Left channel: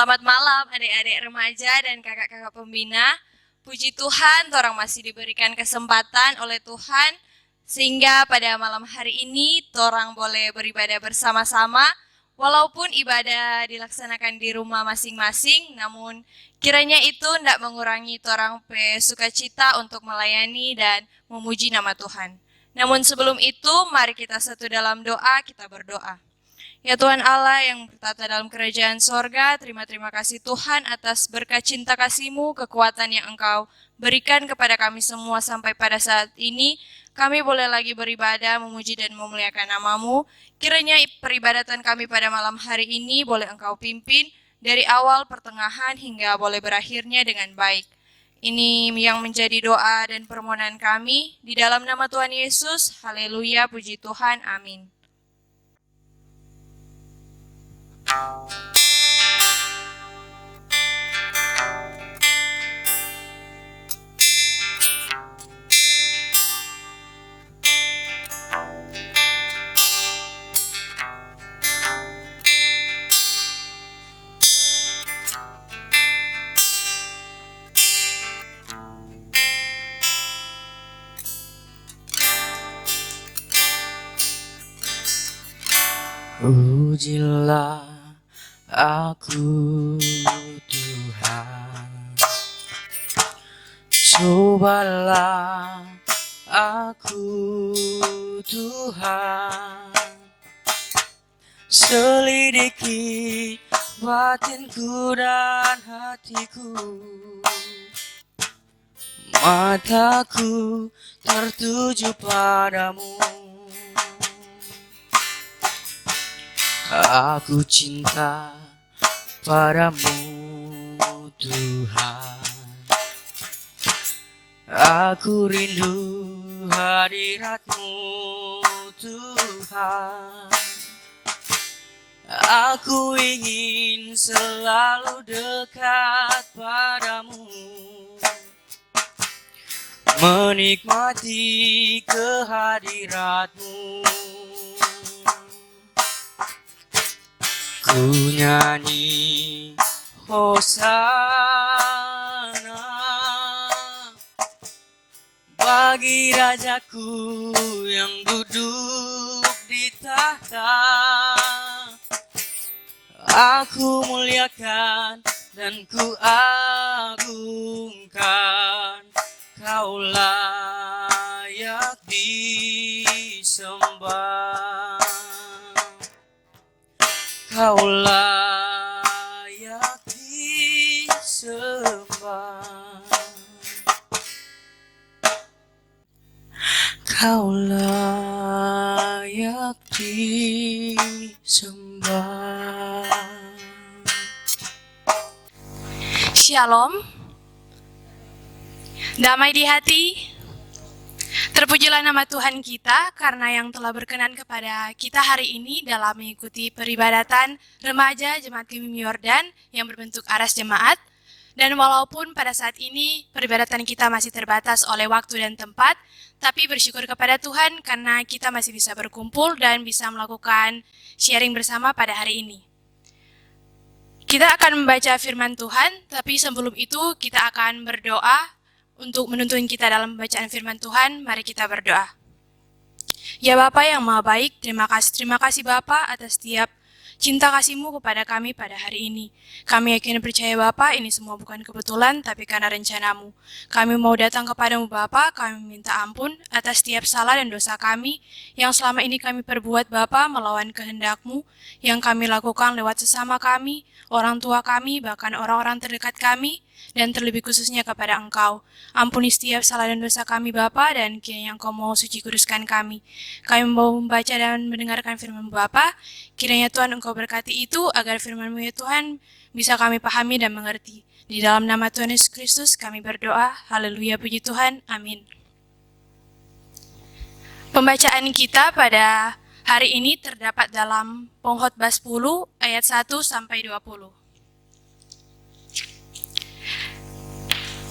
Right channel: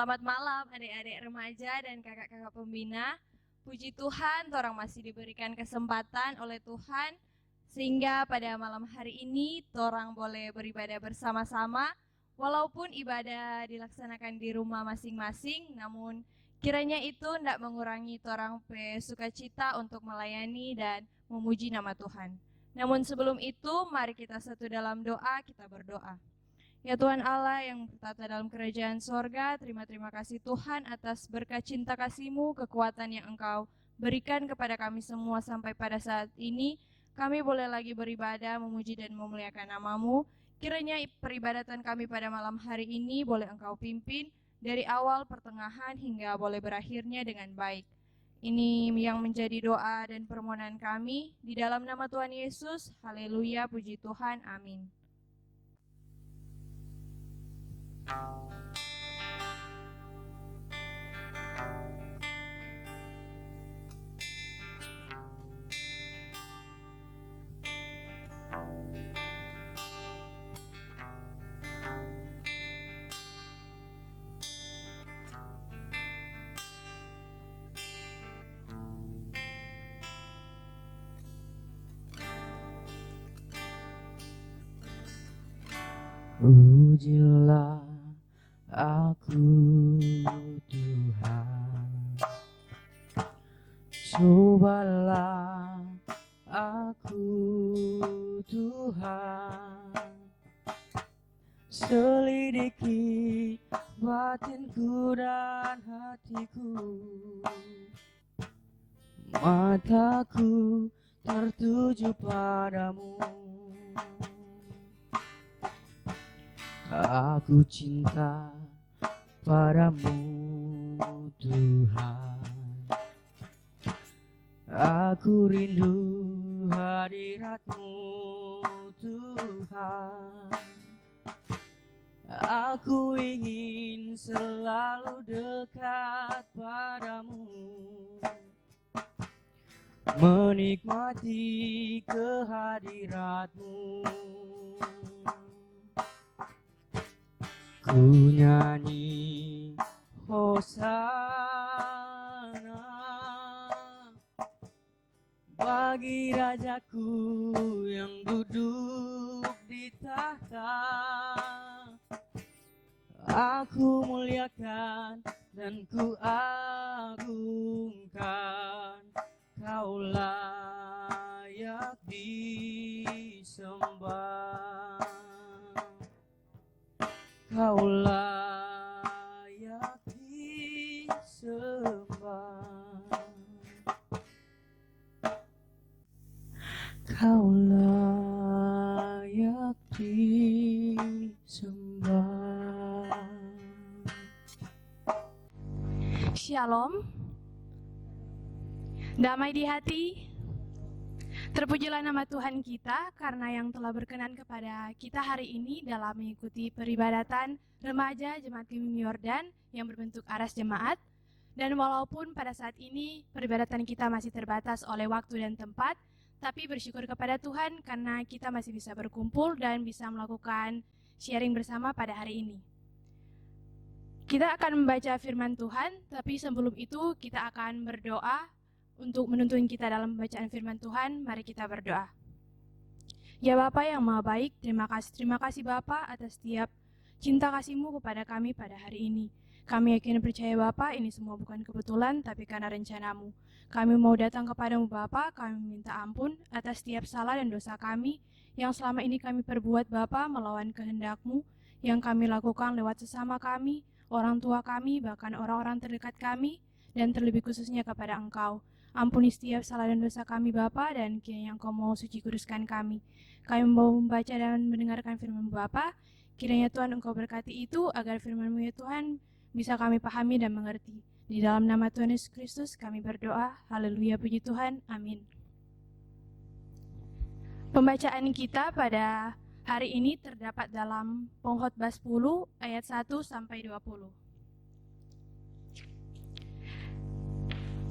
Selamat malam adik-adik remaja dan kakak-kakak pembina. Puji Tuhan, torang masih diberikan kesempatan oleh Tuhan sehingga pada malam hari ini torang boleh beribadah bersama-sama. Walaupun ibadah dilaksanakan di rumah masing-masing, namun kiranya itu tidak mengurangi torang sukacita untuk melayani dan memuji nama Tuhan. Namun sebelum itu, mari kita satu dalam doa, kita berdoa. Ya Tuhan Allah yang bertata dalam kerajaan sorga, terima kasih Tuhan atas berkat cinta kasih-Mu, kekuatan yang Engkau berikan kepada kami semua sampai pada saat ini. Kami boleh lagi beribadah, memuji dan memuliakan nama-Mu. Kiranya peribadatan kami pada malam hari ini boleh Engkau pimpin dari awal, pertengahan, hingga boleh berakhirnya dengan baik. Ini yang menjadi doa dan permohonan kami. Di dalam nama Tuhan Yesus, haleluya, puji Tuhan, amin. Pujilah aku Tuhan, cobalah aku Tuhan, selidiki batinku dan hatiku, mataku tertuju padamu. Aku cinta padamu Tuhan, aku rindu hadirat-Mu Tuhan, aku ingin selalu dekat padamu, menikmati kehadirat-Mu. Ku nyanyi Hosana bagi Rajaku yang duduk di tahta. Aku muliakan dan ku agungkan, Kau layak disembah. Kau layak disembah, Kau layak disembah. Shalom, damai di hati. Terpujilah nama Tuhan kita karena yang telah berkenan kepada kita hari ini dalam mengikuti peribadatan remaja Jemaat Gemim Yordan yang berbentuk aras jemaat. Dan walaupun pada saat ini peribadatan kita masih terbatas oleh waktu dan tempat, tapi bersyukur kepada Tuhan karena kita masih bisa berkumpul dan bisa melakukan sharing bersama pada hari ini. Kita akan membaca firman Tuhan, tapi sebelum itu kita akan berdoa. Untuk menuntun kita dalam pembacaan firman Tuhan, mari kita berdoa. Ya Bapa yang Maha Baik, terima kasih Bapa atas setiap cinta kasih-Mu kepada kami pada hari ini. Kami yakin percaya Bapa, ini semua bukan kebetulan, tapi karena rencana-Mu. Kami mau datang kepadamu Bapa, kami minta ampun atas setiap salah dan dosa kami, yang selama ini kami perbuat Bapa melawan kehendak-Mu, yang kami lakukan lewat sesama kami, orang tua kami, bahkan orang-orang terdekat kami, dan terlebih khususnya kepada Engkau. Ampuni setiap salah dan dosa kami Bapa, dan kiranya Engkau mau suci kuduskan kami. Kami mau membaca dan mendengarkan firman Bapa. Kiranya Tuhan Engkau berkati itu agar firman-Mu ya Tuhan bisa kami pahami dan mengerti. Di dalam nama Tuhan Yesus Kristus kami berdoa. Haleluya, puji Tuhan. Amin. Pembacaan kita pada hari ini terdapat dalam Pengkhotbah 10 ayat 1 sampai 20.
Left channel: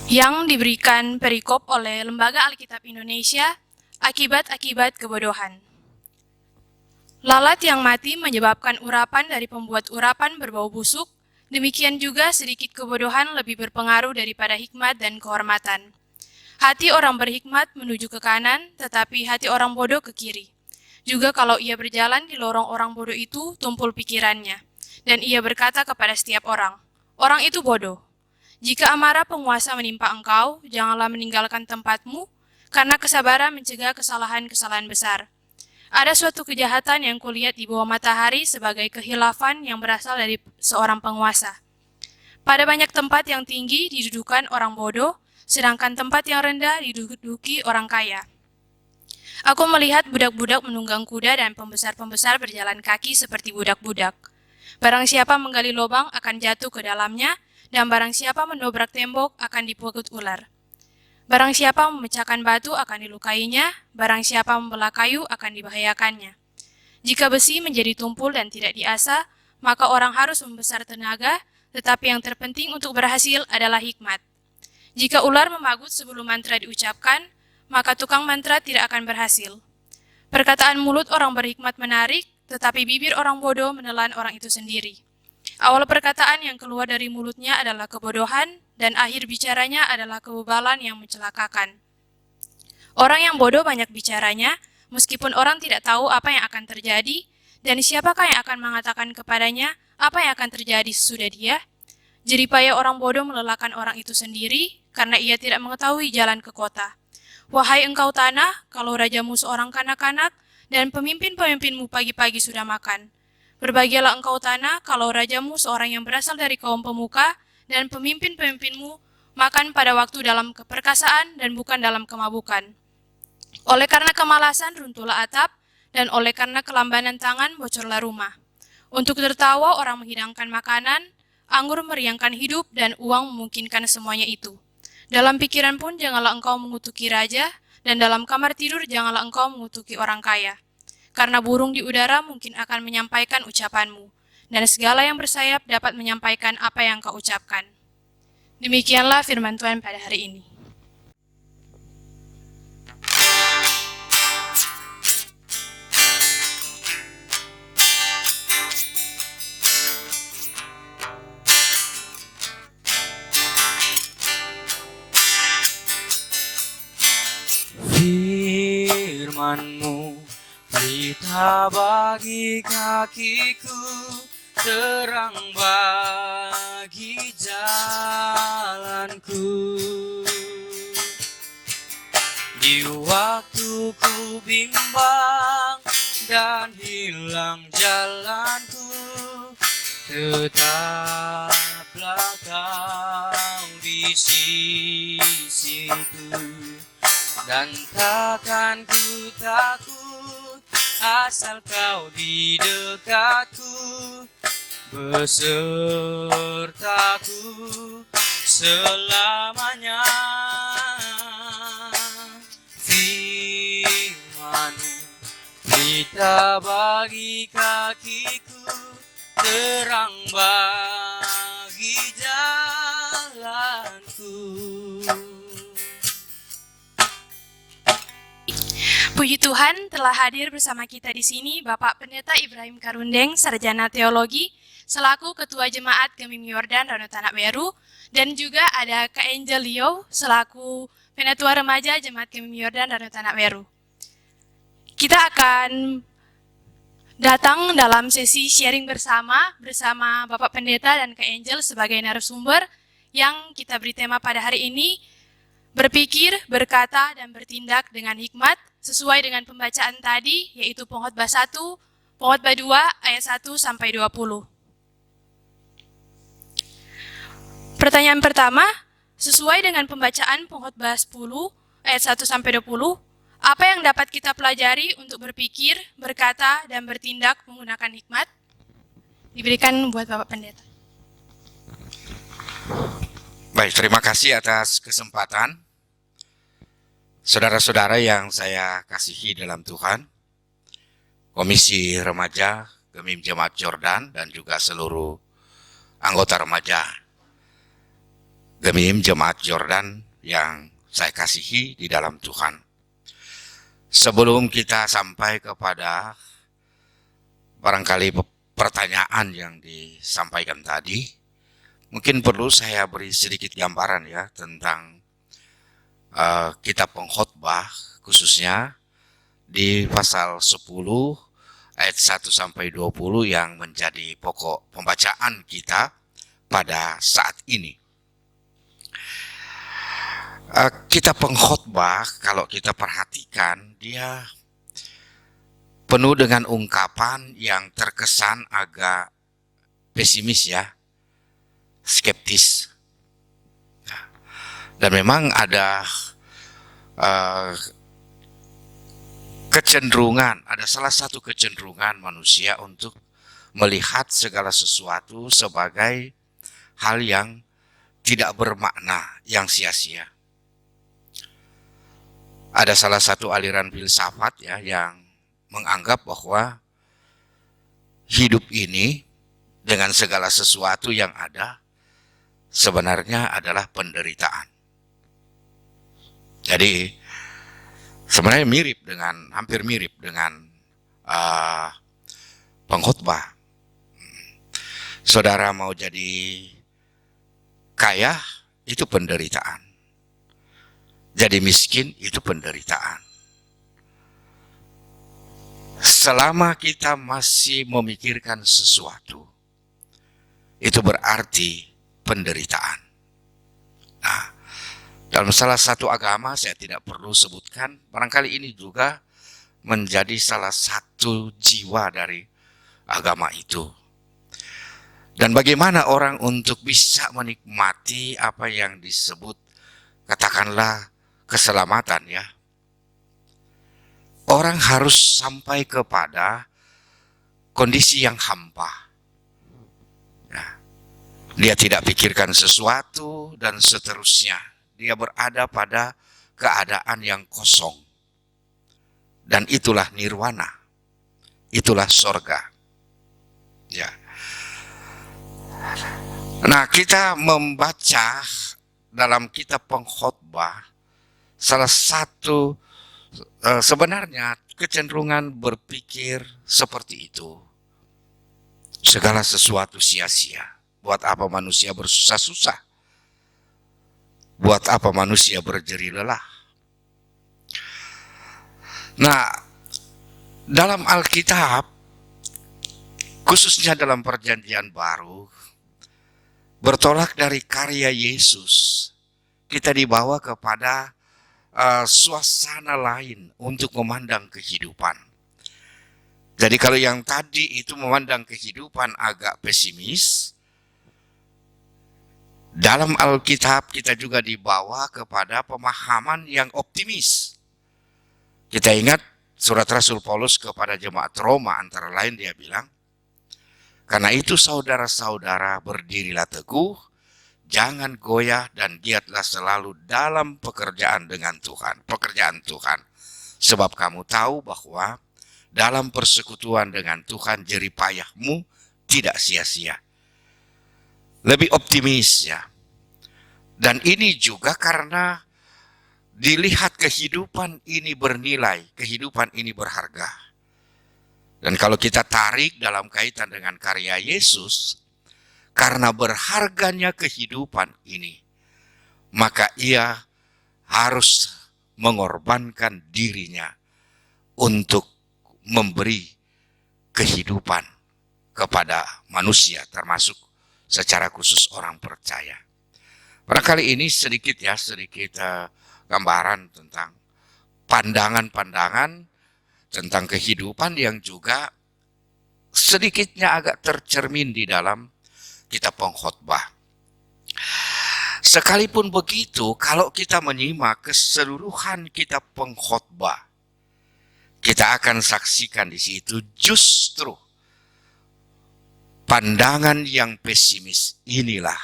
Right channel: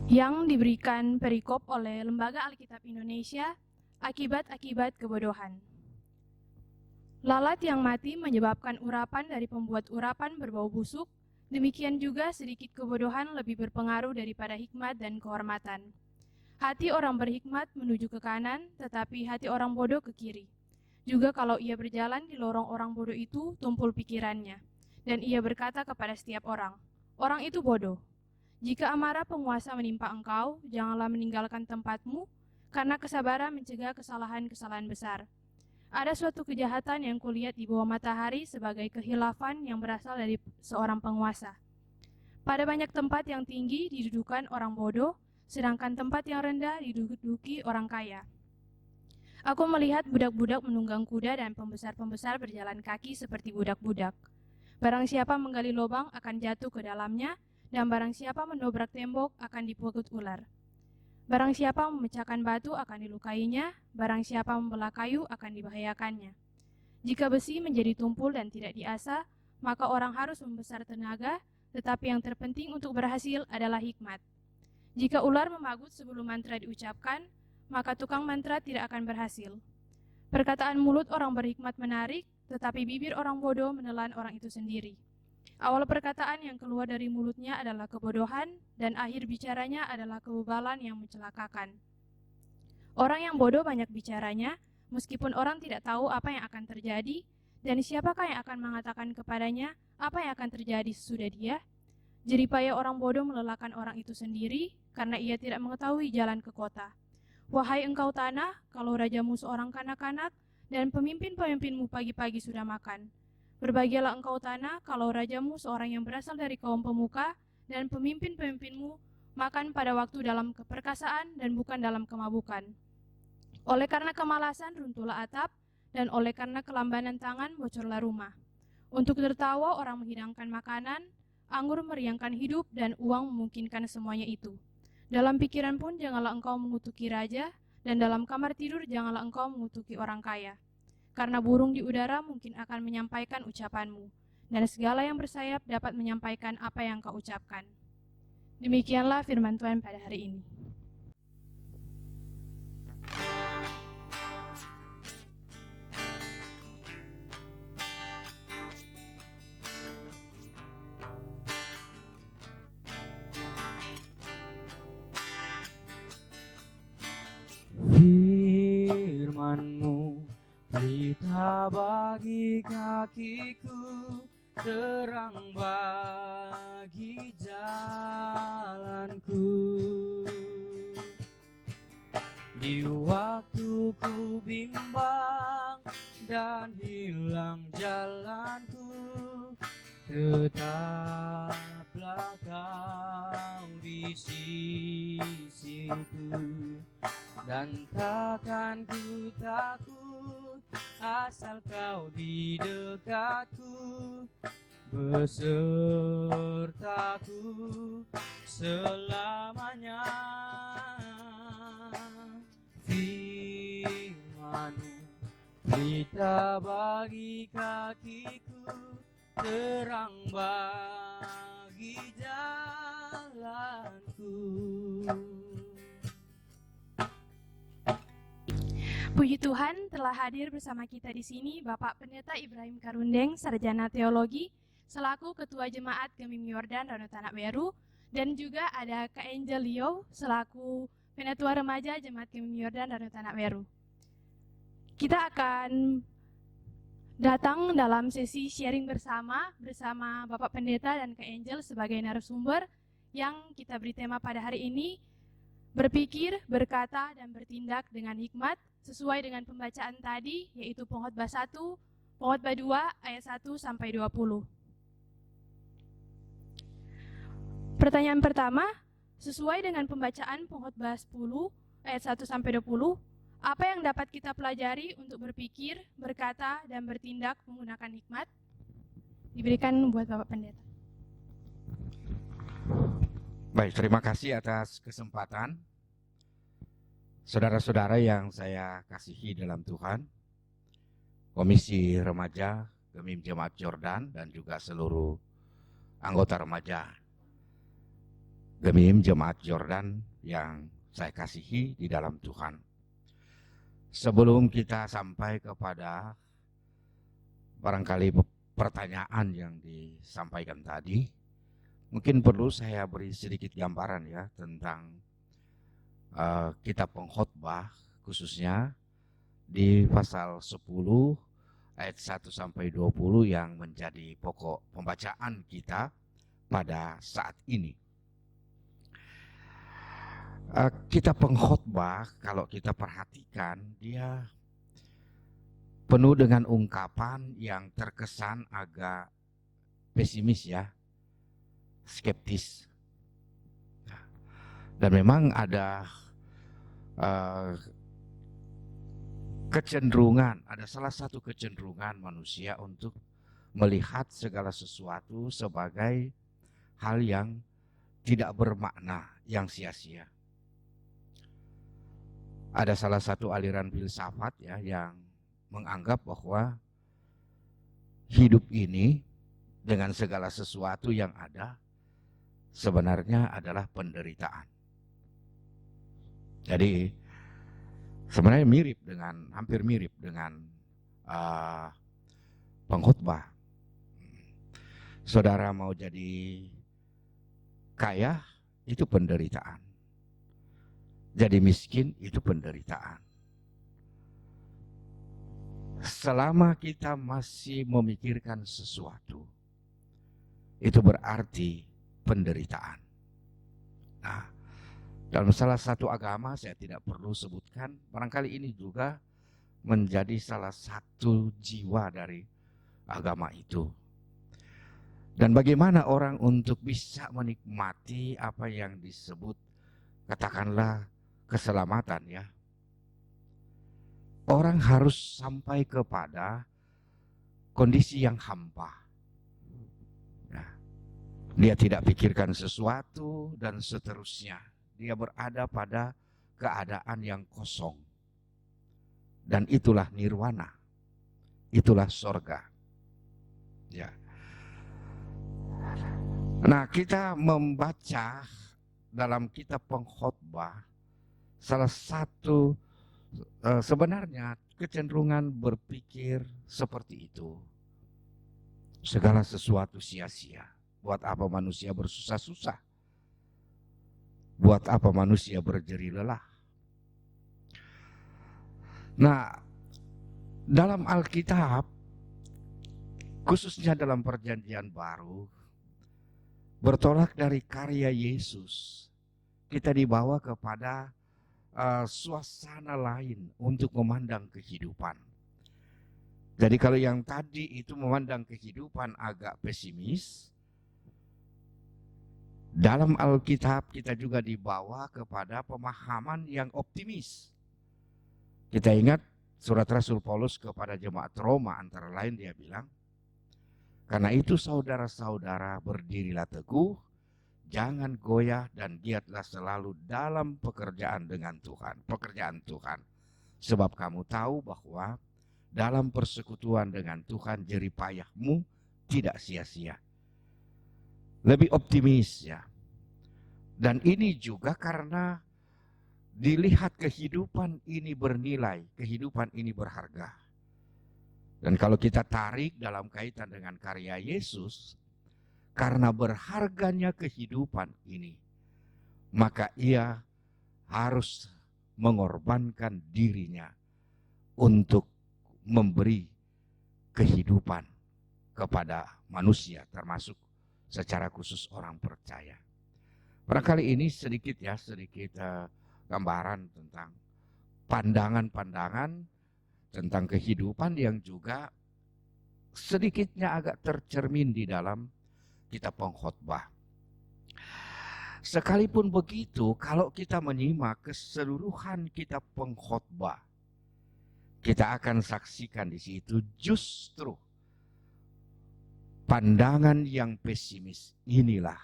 Yang diberikan perikop oleh Lembaga Alkitab Indonesia, akibat-akibat kebodohan. Lalat yang mati menyebabkan urapan dari pembuat urapan berbau busuk, Demikian juga sedikit kebodohan lebih berpengaruh daripada hikmat dan kehormatan. Hati orang berhikmat menuju ke kanan, tetapi hati orang bodoh ke kiri. Juga kalau ia berjalan di lorong orang bodoh itu, tumpul pikirannya. Dan ia berkata kepada setiap orang, "Orang itu bodoh." Jika amarah penguasa menimpa engkau, janganlah meninggalkan tempatmu, karena kesabaran mencegah kesalahan-kesalahan besar. Ada suatu kejahatan yang kulihat di bawah matahari sebagai kehilafan yang berasal dari seorang penguasa. Pada banyak tempat yang tinggi didudukan orang bodoh, sedangkan tempat yang rendah diduduki orang kaya. Aku melihat budak-budak menunggang kuda dan pembesar-pembesar berjalan kaki seperti budak-budak. Barang siapa menggali lubang akan jatuh ke dalamnya, dan barang siapa mendobrak tembok akan dipungut ular. Barang siapa memecahkan batu akan dilukainya, barang siapa membelah kayu akan dibahayakannya. Jika besi menjadi tumpul dan tidak diasah, maka orang harus membesar tenaga, tetapi yang terpenting untuk berhasil adalah hikmat. Jika ular memagut sebelum mantra diucapkan, maka tukang mantra tidak akan berhasil. Perkataan mulut orang berhikmat menarik, tetapi bibir orang bodoh menelan orang itu sendiri. Awal perkataan yang keluar dari mulutnya adalah kebodohan, dan akhir bicaranya adalah kebebalan yang mencelakakan. Orang yang bodoh banyak bicaranya, meskipun orang tidak tahu apa yang akan terjadi, dan siapakah yang akan mengatakan kepadanya apa yang akan terjadi sesudah dia? Jeripaya orang bodoh melelahkan orang itu sendiri, karena ia tidak mengetahui jalan ke kota. Wahai engkau tanah, kalau rajamu seorang kanak-kanak, dan pemimpin-pemimpinmu pagi-pagi sudah makan. Berbahagialah engkau tanah, kalau rajamu seorang yang berasal dari kaum pemuka, dan pemimpin-pemimpinmu makan pada waktu dalam keperkasaan dan bukan dalam kemabukan. Oleh karena kemalasan runtuhlah atap, dan oleh karena kelambanan tangan bocorlah rumah. Untuk tertawa orang menghidangkan makanan, anggur meriangkan hidup, dan uang memungkinkan semuanya itu. Dalam pikiran pun janganlah engkau mengutuki raja, dan dalam kamar tidur janganlah engkau mengutuki orang kaya. Karena burung di udara mungkin akan menyampaikan ucapanmu, dan segala yang bersayap dapat menyampaikan apa yang kau ucapkan. Demikianlah firman Tuhan pada hari ini. Firman-Mu pelita bagi kakiku, terang bagi jalanku. Di waktu ku bimbang dan hilang jalanku, tetaplah Kau di sisiku. Dan takkan ku takut asal Kau di dekatku, besertaku selamanya. Firman-Mu pelita bagi kakiku, terang bagi jalanku. Puji Tuhan, telah hadir bersama kita di sini Bapak Pendeta Ibrahim Karundeng, Sarjana Teologi, selaku Ketua Jemaat Gemim Yordan Danau Tanak Beru, dan juga ada Kak Angel Leo, selaku Penatua Remaja Jemaat Gemim Yordan Danau Tanak Beru. Kita akan datang dalam sesi sharing bersama Bapak Pendeta dan Kak Angel sebagai narasumber yang kita beri tema pada hari ini, berpikir, berkata, dan bertindak dengan hikmat, sesuai dengan pembacaan tadi, yaitu Pengkhotbah 1, Pengkhotbah 2, ayat 1-20. Pertanyaan pertama, sesuai dengan pembacaan Pengkhotbah 10, ayat 1-20, apa yang dapat kita pelajari untuk berpikir, berkata, dan bertindak menggunakan hikmat? Diberikan buat Bapak Pendeta. Baik, terima kasih atas kesempatan. Saudara-saudara yang saya kasihi dalam Tuhan, Komisi Remaja Gemim Jemaat Yordan dan juga seluruh anggota remaja Gemim Jemaat Yordan yang saya kasihi di dalam Tuhan. Sebelum kita sampai kepada barangkali pertanyaan yang disampaikan tadi, Mungkin perlu saya beri sedikit gambaran ya tentang kitab pengkhotbah, khususnya di pasal 10 ayat 1 sampai 20 yang menjadi pokok pembacaan kita pada saat ini. Kitab pengkhotbah kalau kita perhatikan dia penuh dengan ungkapan yang terkesan agak pesimis ya, skeptis. Dan memang ada kecenderungan, ada salah satu kecenderungan manusia untuk melihat segala sesuatu sebagai hal yang tidak bermakna, yang sia-sia. Ada salah satu aliran filsafat ya yang menganggap bahwa hidup ini dengan segala sesuatu yang ada sebenarnya adalah penderitaan. Jadi sebenarnya hampir mirip dengan pengkhotbah. Saudara mau jadi kaya itu penderitaan. Jadi miskin itu penderitaan. Selama kita masih memikirkan sesuatu, itu berarti penderitaan. Nah, dalam salah satu agama, saya tidak perlu sebutkan, barangkali ini juga menjadi salah satu jiwa dari agama itu. Dan bagaimana orang untuk bisa menikmati apa yang disebut, katakanlah, keselamatan ya. Orang harus sampai kepada kondisi yang hampa. Nah, dia tidak pikirkan sesuatu dan seterusnya. Dia berada pada keadaan yang kosong. Dan itulah nirwana. Itulah sorga. Ya. Nah, kita membaca dalam kitab pengkhotbah salah satu sebenarnya kecenderungan berpikir seperti itu. Segala sesuatu sia-sia. Buat apa manusia bersusah-susah? Buat apa manusia berjeri lelah? Nah, dalam Alkitab, khususnya dalam Perjanjian Baru, bertolak dari karya Yesus, kita dibawa kepada suasana lain untuk memandang kehidupan. Jadi kalau yang tadi itu memandang kehidupan agak pesimis, dalam Alkitab kita juga dibawa kepada pemahaman yang optimis. Kita ingat surat Rasul Paulus kepada jemaat Roma, antara lain dia bilang, karena itu saudara-saudara berdirilah teguh, jangan goyah dan giatlah selalu dalam pekerjaan Tuhan. Sebab kamu tahu bahwa dalam persekutuan dengan Tuhan jerih payahmu tidak sia-sia. Lebih optimis ya. Dan ini juga karena dilihat kehidupan ini bernilai, kehidupan ini berharga. Dan kalau kita tarik dalam kaitan dengan karya Yesus, karena berharganya kehidupan ini, maka ia harus mengorbankan dirinya untuk memberi kehidupan kepada manusia, termasuk secara khusus orang percaya. Barangkali ini sedikit gambaran tentang pandangan-pandangan tentang kehidupan yang juga sedikitnya agak tercermin di dalam kitab pengkhotbah. Sekalipun begitu, kalau kita menyimak keseluruhan kitab pengkhotbah, kita akan saksikan di situ justru pandangan yang pesimis inilah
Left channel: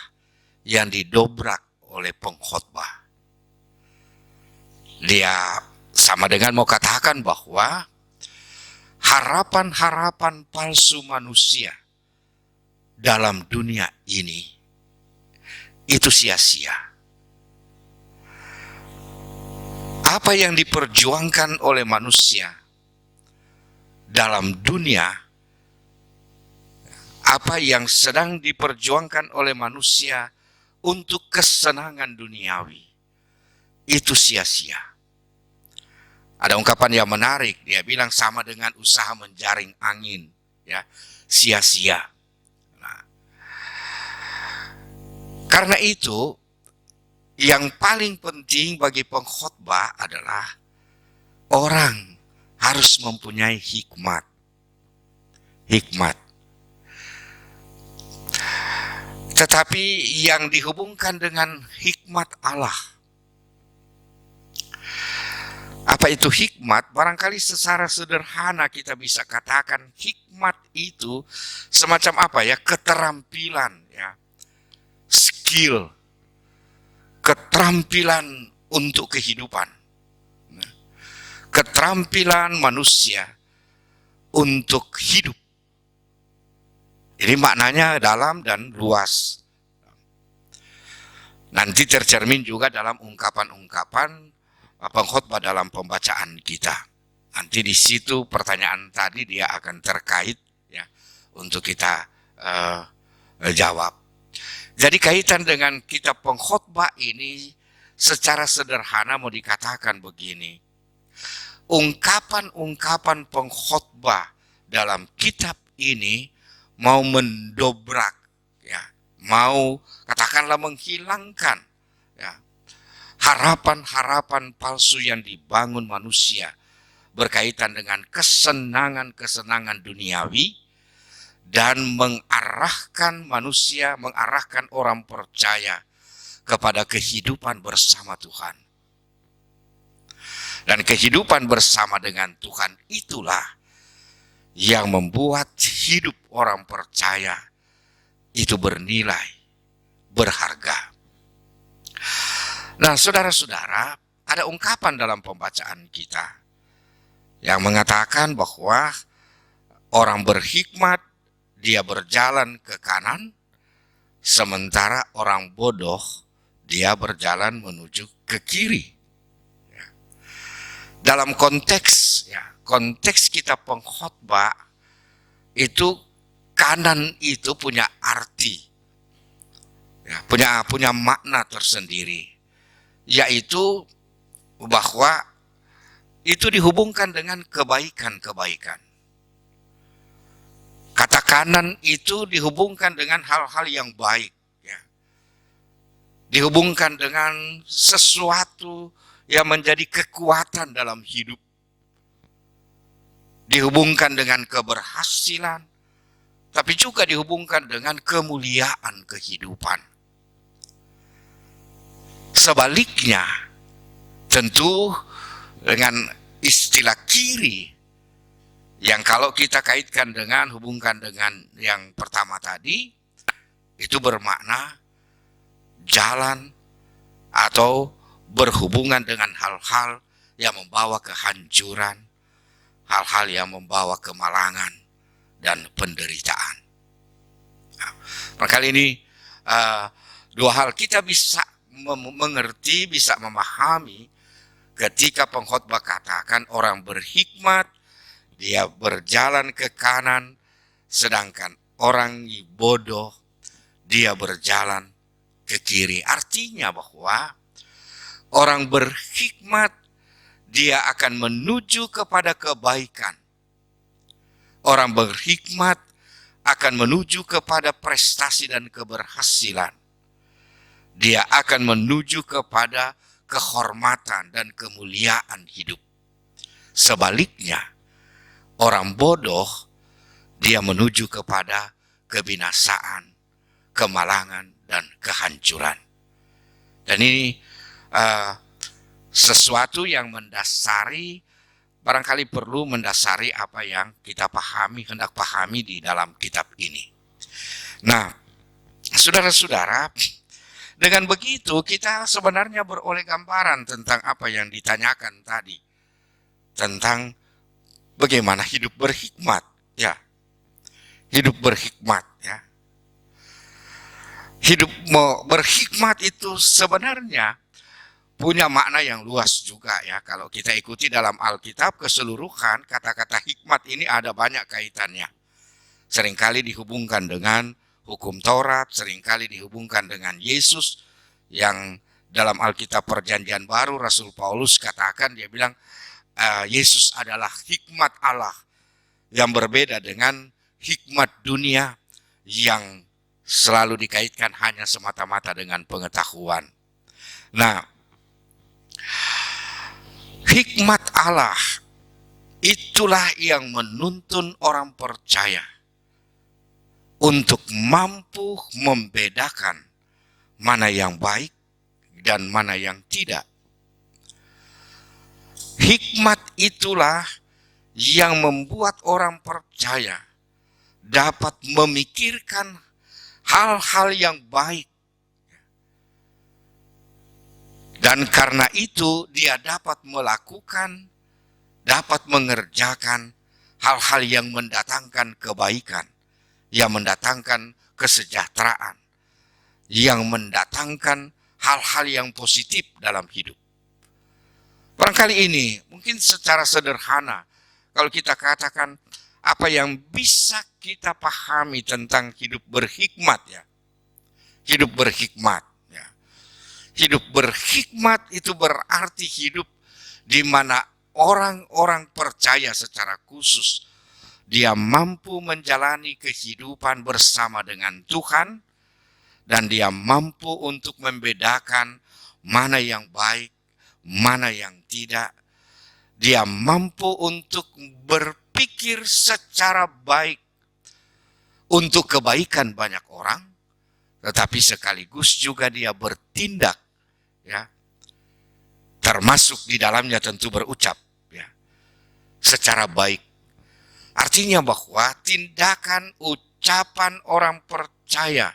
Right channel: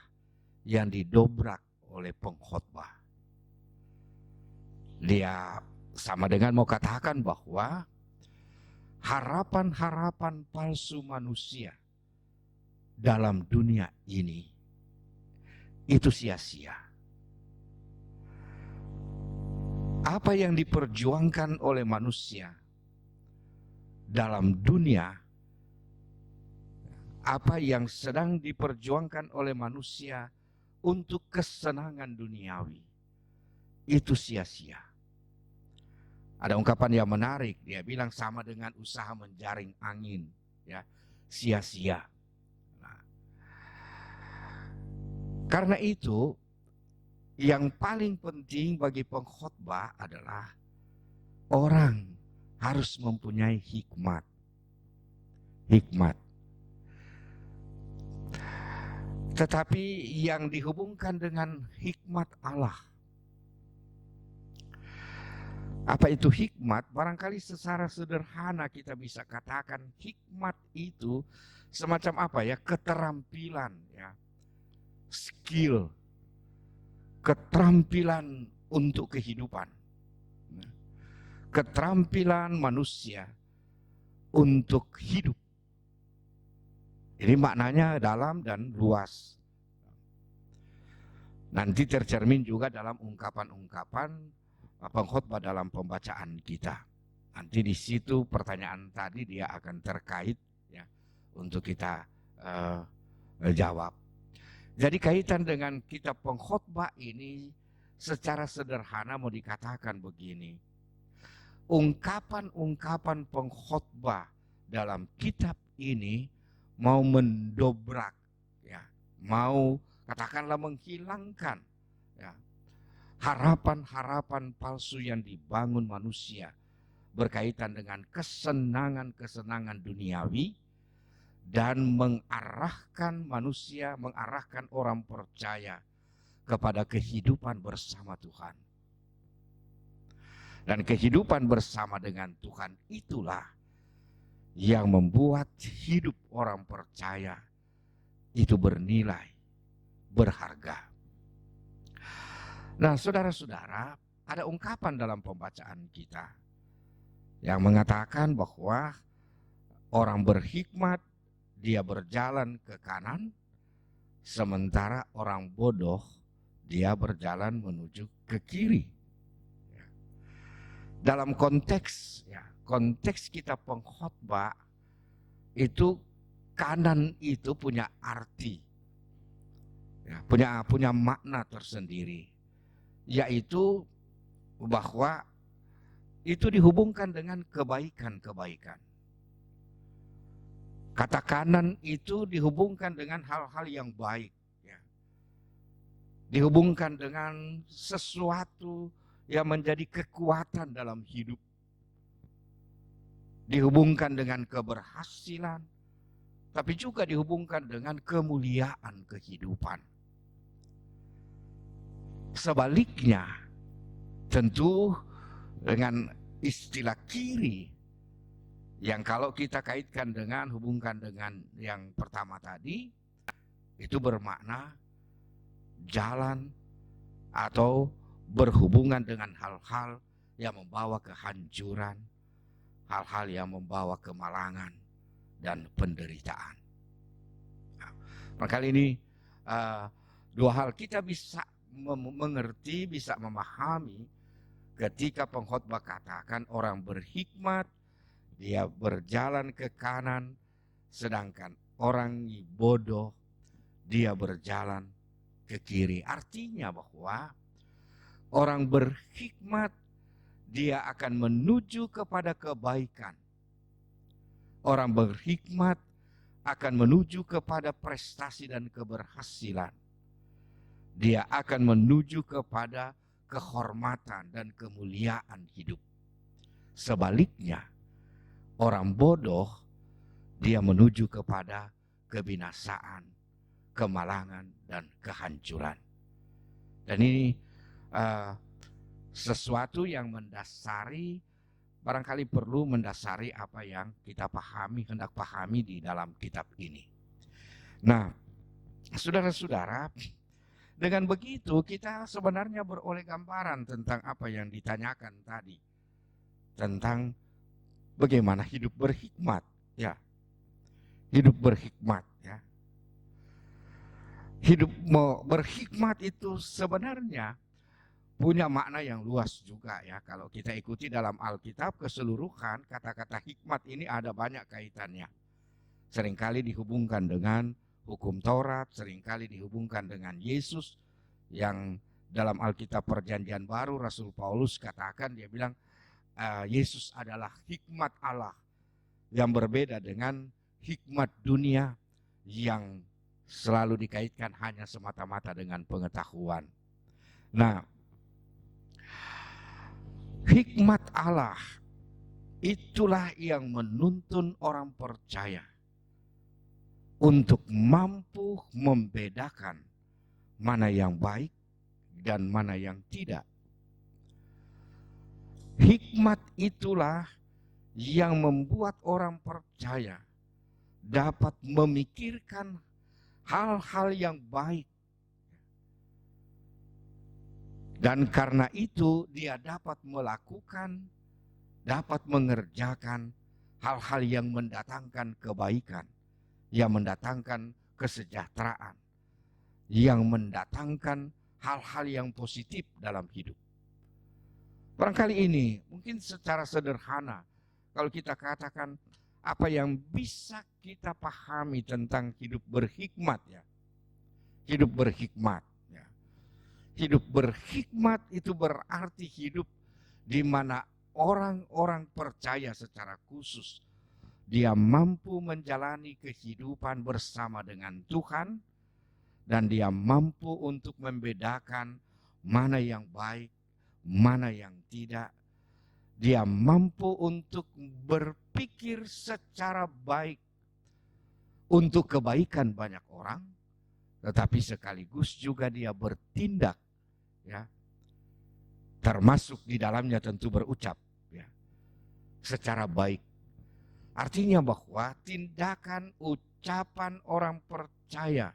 yang didobrak oleh pengkhotbah. Dia sama dengan mau katakan bahwa harapan-harapan palsu manusia dalam dunia ini itu sia-sia. Apa yang diperjuangkan oleh manusia dalam dunia apa yang sedang diperjuangkan oleh manusia untuk kesenangan duniawi itu sia-sia. Ada ungkapan yang menarik, dia bilang sama dengan usaha menjaring angin, ya, sia-sia. Nah, karena itu yang paling penting bagi pengkhotbah adalah orang harus mempunyai hikmat. Hikmat. Tetapi yang dihubungkan dengan hikmat Allah. Apa itu hikmat? Barangkali secara sederhana kita bisa katakan hikmat itu semacam apa ya? Keterampilan, ya, skill, keterampilan untuk kehidupan, keterampilan manusia untuk hidup. Ini maknanya dalam dan luas. Nanti tercermin juga dalam ungkapan-ungkapan pengkhotbah dalam pembacaan kita. Nanti di situ pertanyaan tadi dia akan terkait, ya, untuk kita jawab. Jadi kaitan dengan kitab pengkhotbah ini secara sederhana mau dikatakan begini. Ungkapan-ungkapan pengkhotbah dalam kitab ini mau mendobrak, ya, mau katakanlah menghilangkan, ya, harapan-harapan palsu yang dibangun manusia berkaitan dengan kesenangan-kesenangan duniawi dan mengarahkan manusia, mengarahkan orang percaya kepada kehidupan bersama Tuhan. Dan kehidupan bersama dengan Tuhan itulah yang membuat hidup orang percaya itu bernilai, berharga. Nah, saudara-saudara, ada ungkapan dalam pembacaan kita yang mengatakan bahwa orang berhikmat dia berjalan ke kanan, sementara orang bodoh dia berjalan menuju ke kiri. Dalam konteks, ya, konteks kita pengkhotbah itu kanan itu punya arti, ya, punya makna tersendiri, yaitu bahwa itu dihubungkan dengan kebaikan-kebaikan. Kata kanan itu dihubungkan dengan hal-hal yang baik, ya. Dihubungkan dengan sesuatu yang menjadi kekuatan dalam hidup. Dihubungkan dengan keberhasilan, tapi juga dihubungkan dengan kemuliaan kehidupan. Sebaliknya, tentu dengan istilah kiri, yang kalau kita kaitkan dengan, hubungkan dengan yang pertama tadi, itu bermakna jalan atau berhubungan dengan hal-hal yang membawa kehancuran, hal-hal yang membawa kemalangan dan penderitaan. Nah, kali ini dua hal kita bisa mengerti, bisa memahami ketika pengkhotbah katakan orang berhikmat dia berjalan ke kanan, sedangkan orang bodoh dia berjalan ke kiri. Artinya bahwa orang berhikmat dia akan menuju kepada kebaikan. Orang berhikmat akan menuju kepada prestasi dan keberhasilan. Dia akan menuju kepada kehormatan dan kemuliaan hidup. Sebaliknya, orang bodoh dia menuju kepada kebinasaan, kemalangan, dan kehancuran. Dan ini sesuatu yang mendasari, barangkali perlu mendasari apa yang kita pahami, hendak pahami di dalam kitab ini. Nah, saudara-saudara, dengan begitu kita sebenarnya beroleh gambaran tentang apa yang ditanyakan tadi, tentang bagaimana hidup berhikmat, ya. Hidup berhikmat, ya. Hidup berhikmat itu sebenarnya punya makna yang luas juga, ya. Kalau kita ikuti dalam Alkitab keseluruhan, kata-kata hikmat ini ada banyak kaitannya. seringkali dihubungkan dengan hukum Taurat, seringkali dihubungkan dengan Yesus yang dalam Alkitab Perjanjian Baru Rasul Paulus katakan, dia bilang Yesus adalah hikmat Allah yang berbeda dengan hikmat dunia yang selalu dikaitkan hanya semata-mata dengan pengetahuan. Nah, hikmat Allah itulah yang menuntun orang percaya untuk mampu membedakan mana yang baik dan mana yang tidak. Hikmat itulah yang membuat orang percaya dapat memikirkan hal-hal yang baik. Dan karena itu dia dapat melakukan, dapat mengerjakan hal-hal yang mendatangkan kebaikan, yang mendatangkan kesejahteraan, yang mendatangkan hal-hal yang positif dalam hidup. Barangkali ini mungkin secara sederhana kalau kita katakan apa yang bisa kita pahami tentang hidup berhikmat ya. Hidup berhikmat ya. Hidup berhikmat itu berarti hidup di mana orang-orang percaya secara khusus dia mampu menjalani kehidupan bersama dengan Tuhan. Dan dia mampu untuk membedakan mana yang baik, mana yang tidak. Dia mampu untuk berpikir secara baik untuk kebaikan banyak orang, tetapi sekaligus juga dia bertindak, ya, termasuk di dalamnya tentu berucap, ya, secara baik. Artinya bahwa tindakan ucapan orang percaya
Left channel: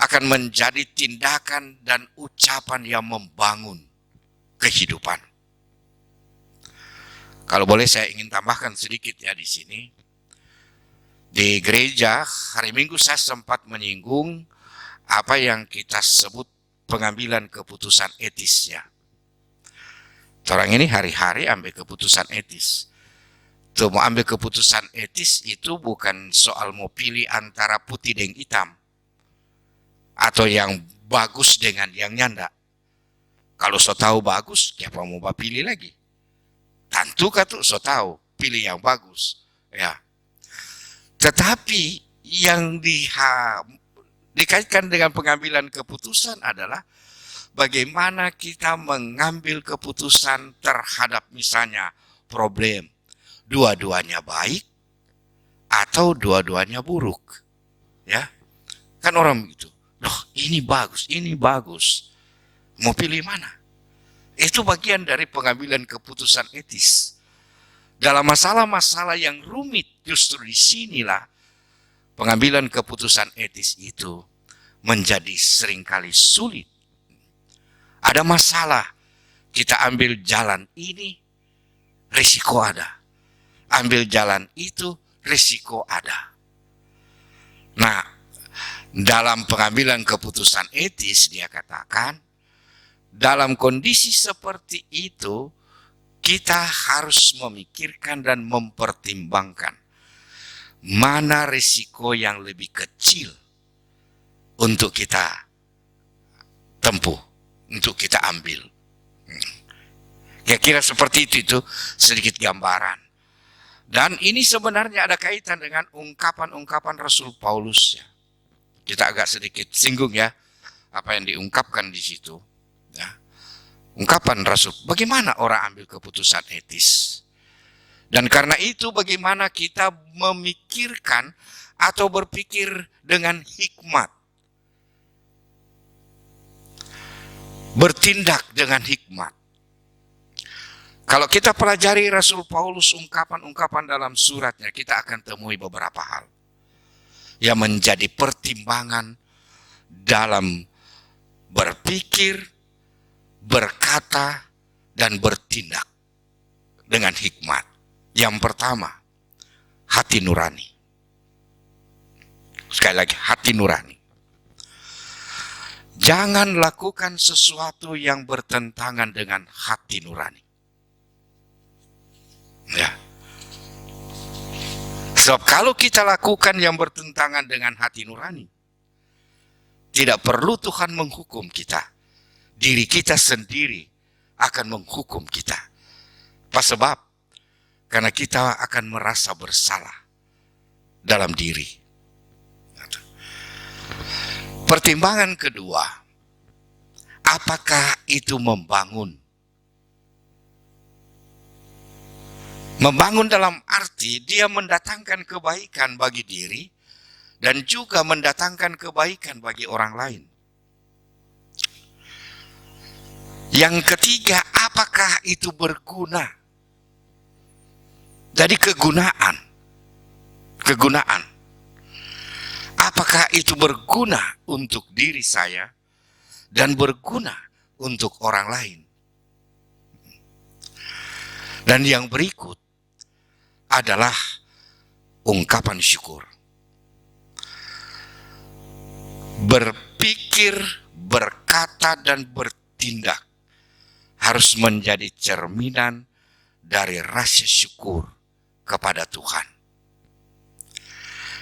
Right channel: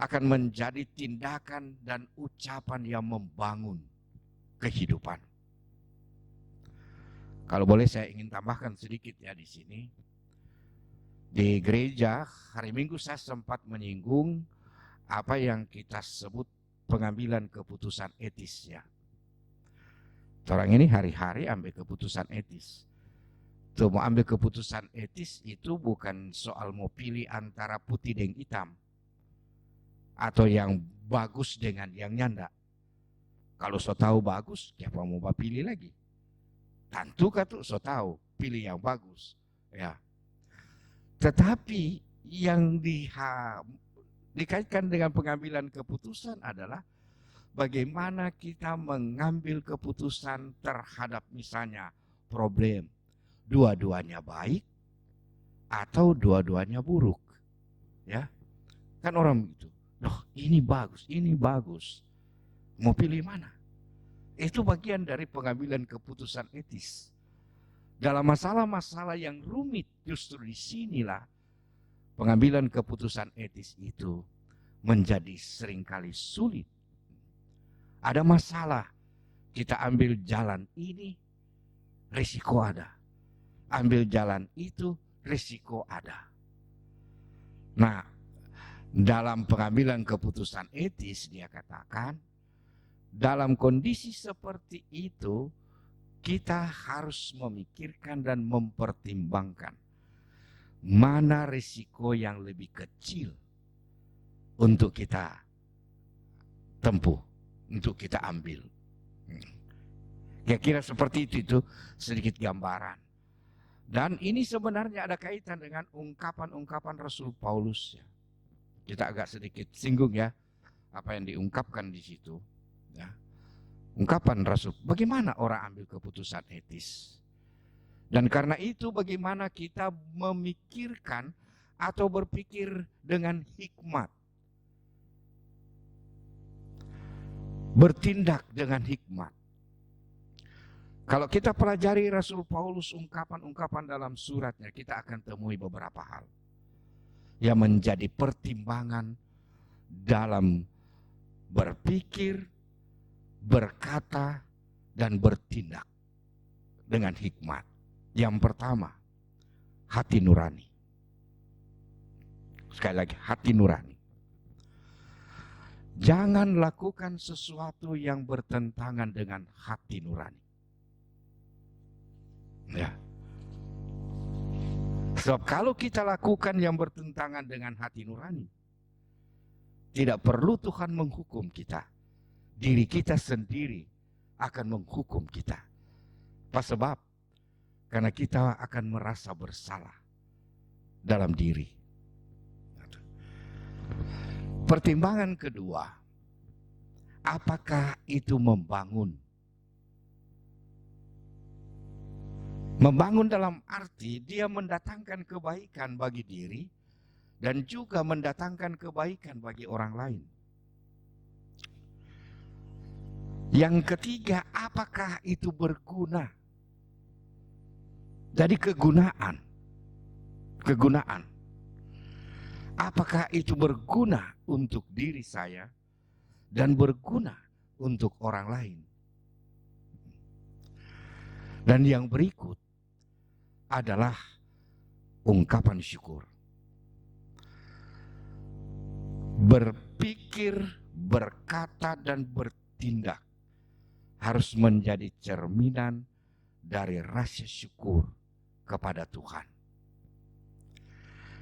akan menjadi tindakan dan ucapan yang membangun kehidupan. Kalau boleh saya ingin tambahkan sedikit ya di sini. Di gereja hari Minggu saya sempat menyinggung apa yang kita sebut pengambilan keputusan etis ya. Orang ini hari-hari ambil keputusan etis. Tuh mau ambil keputusan etis itu bukan soal mau pilih antara putih dan hitam. Atau yang bagus dengan yang nyanda. Kalau so tahu bagus, siapa mau pilih lagi? Tentu kata so tahu, pilih yang bagus. Ya. Tetapi yang dikaitkan dengan pengambilan keputusan adalah bagaimana kita mengambil keputusan terhadap misalnya problem. Dua-duanya baik atau dua-duanya buruk. Ya. Kan orang begitu. Loh, ini bagus. Mau pilih mana? Itu bagian dari pengambilan keputusan etis. Dalam masalah-masalah yang rumit, justru di sinilah pengambilan keputusan etis itu menjadi seringkali sulit. Ada masalah, kita ambil jalan ini, risiko ada. Ambil jalan itu, risiko ada. Nah, dalam pengambilan keputusan etis dia katakan, dalam kondisi seperti itu kita harus memikirkan dan mempertimbangkan mana risiko yang lebih kecil untuk kita tempuh, untuk kita ambil. Kira-kira seperti itu sedikit gambaran. Dan ini sebenarnya ada kaitan dengan ungkapan-ungkapan Rasul Paulus ya. Kita agak sedikit singgung ya apa yang diungkapkan di situ. Ya. Ungkapan Rasul, bagaimana orang ambil keputusan etis? Dan karena itu bagaimana kita memikirkan atau berpikir dengan hikmat. Bertindak dengan hikmat. Kalau kita pelajari Rasul Paulus ungkapan-ungkapan dalam suratnya, kita akan temui beberapa hal yang menjadi pertimbangan dalam berpikir, berkata, dan bertindak dengan hikmat. Yang pertama, hati nurani. Sekali lagi, hati nurani. Jangan lakukan sesuatu yang bertentangan dengan hati nurani. Ya. Sebab kalau kita lakukan yang bertentangan dengan hati nurani, tidak perlu Tuhan menghukum kita. Diri kita sendiri akan menghukum kita. Apa sebab? Karena kita akan merasa bersalah dalam diri. Pertimbangan kedua, apakah itu membangun? Membangun dalam arti dia mendatangkan kebaikan bagi diri dan juga mendatangkan kebaikan bagi orang lain. Yang ketiga, apakah itu berguna? Jadi kegunaan. Apakah itu berguna untuk diri saya dan berguna untuk orang lain? Dan yang berikut adalah ungkapan syukur. Berpikir, berkata, dan bertindak harus menjadi cerminan dari rasa syukur kepada Tuhan.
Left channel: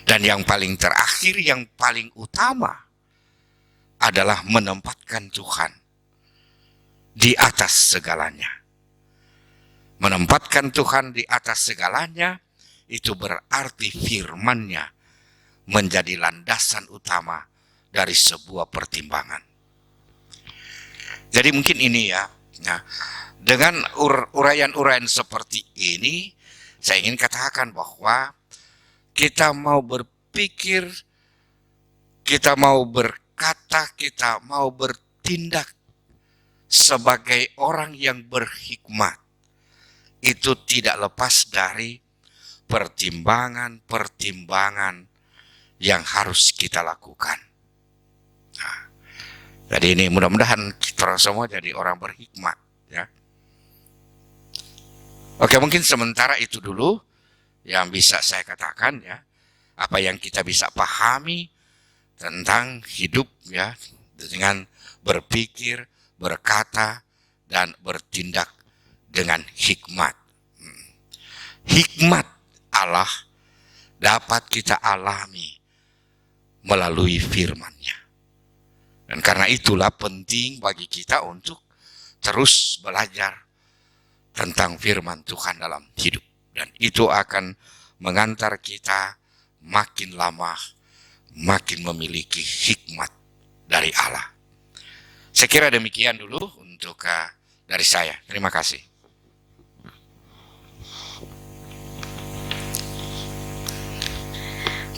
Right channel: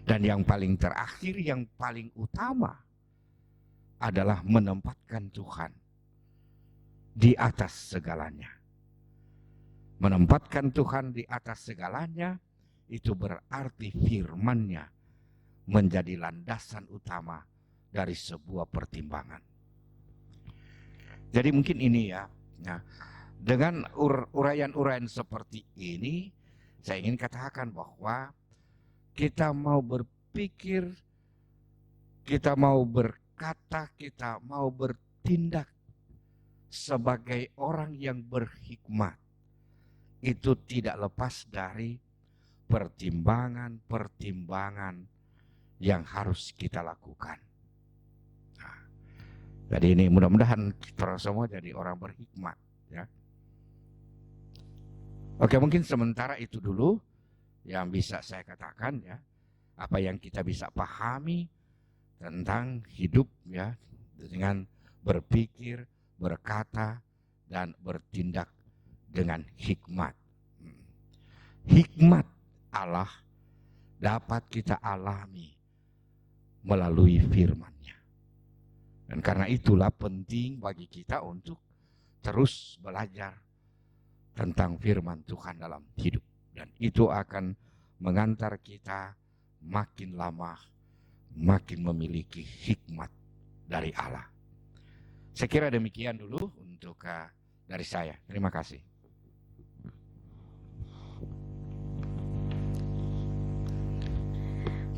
Dan yang paling terakhir, yang paling utama adalah menempatkan Tuhan di atas segalanya. Menempatkan Tuhan di atas segalanya itu berarti firman-Nya menjadi landasan utama dari sebuah pertimbangan. Jadi mungkin ini ya. Nah, dengan uraian-uraian seperti ini, saya ingin katakan bahwa kita mau berpikir, kita mau berkata, kita mau bertindak sebagai orang yang berhikmat. Itu tidak lepas dari pertimbangan-pertimbangan yang harus kita lakukan. Nah, jadi ini mudah-mudahan kita semua jadi orang berhikmat, ya. Oke, mungkin sementara itu dulu yang bisa saya katakan, ya. Apa yang kita bisa pahami tentang hidup, ya, dengan berpikir, berkata, dan bertindak dengan hikmat. Hikmat Allah dapat kita alami melalui firman-Nya. Dan karena itulah penting bagi kita untuk terus belajar tentang firman Tuhan dalam hidup. Dan itu akan mengantar kita makin lama makin memiliki hikmat dari Allah. Saya kira demikian dulu untuk dari saya. Terima kasih.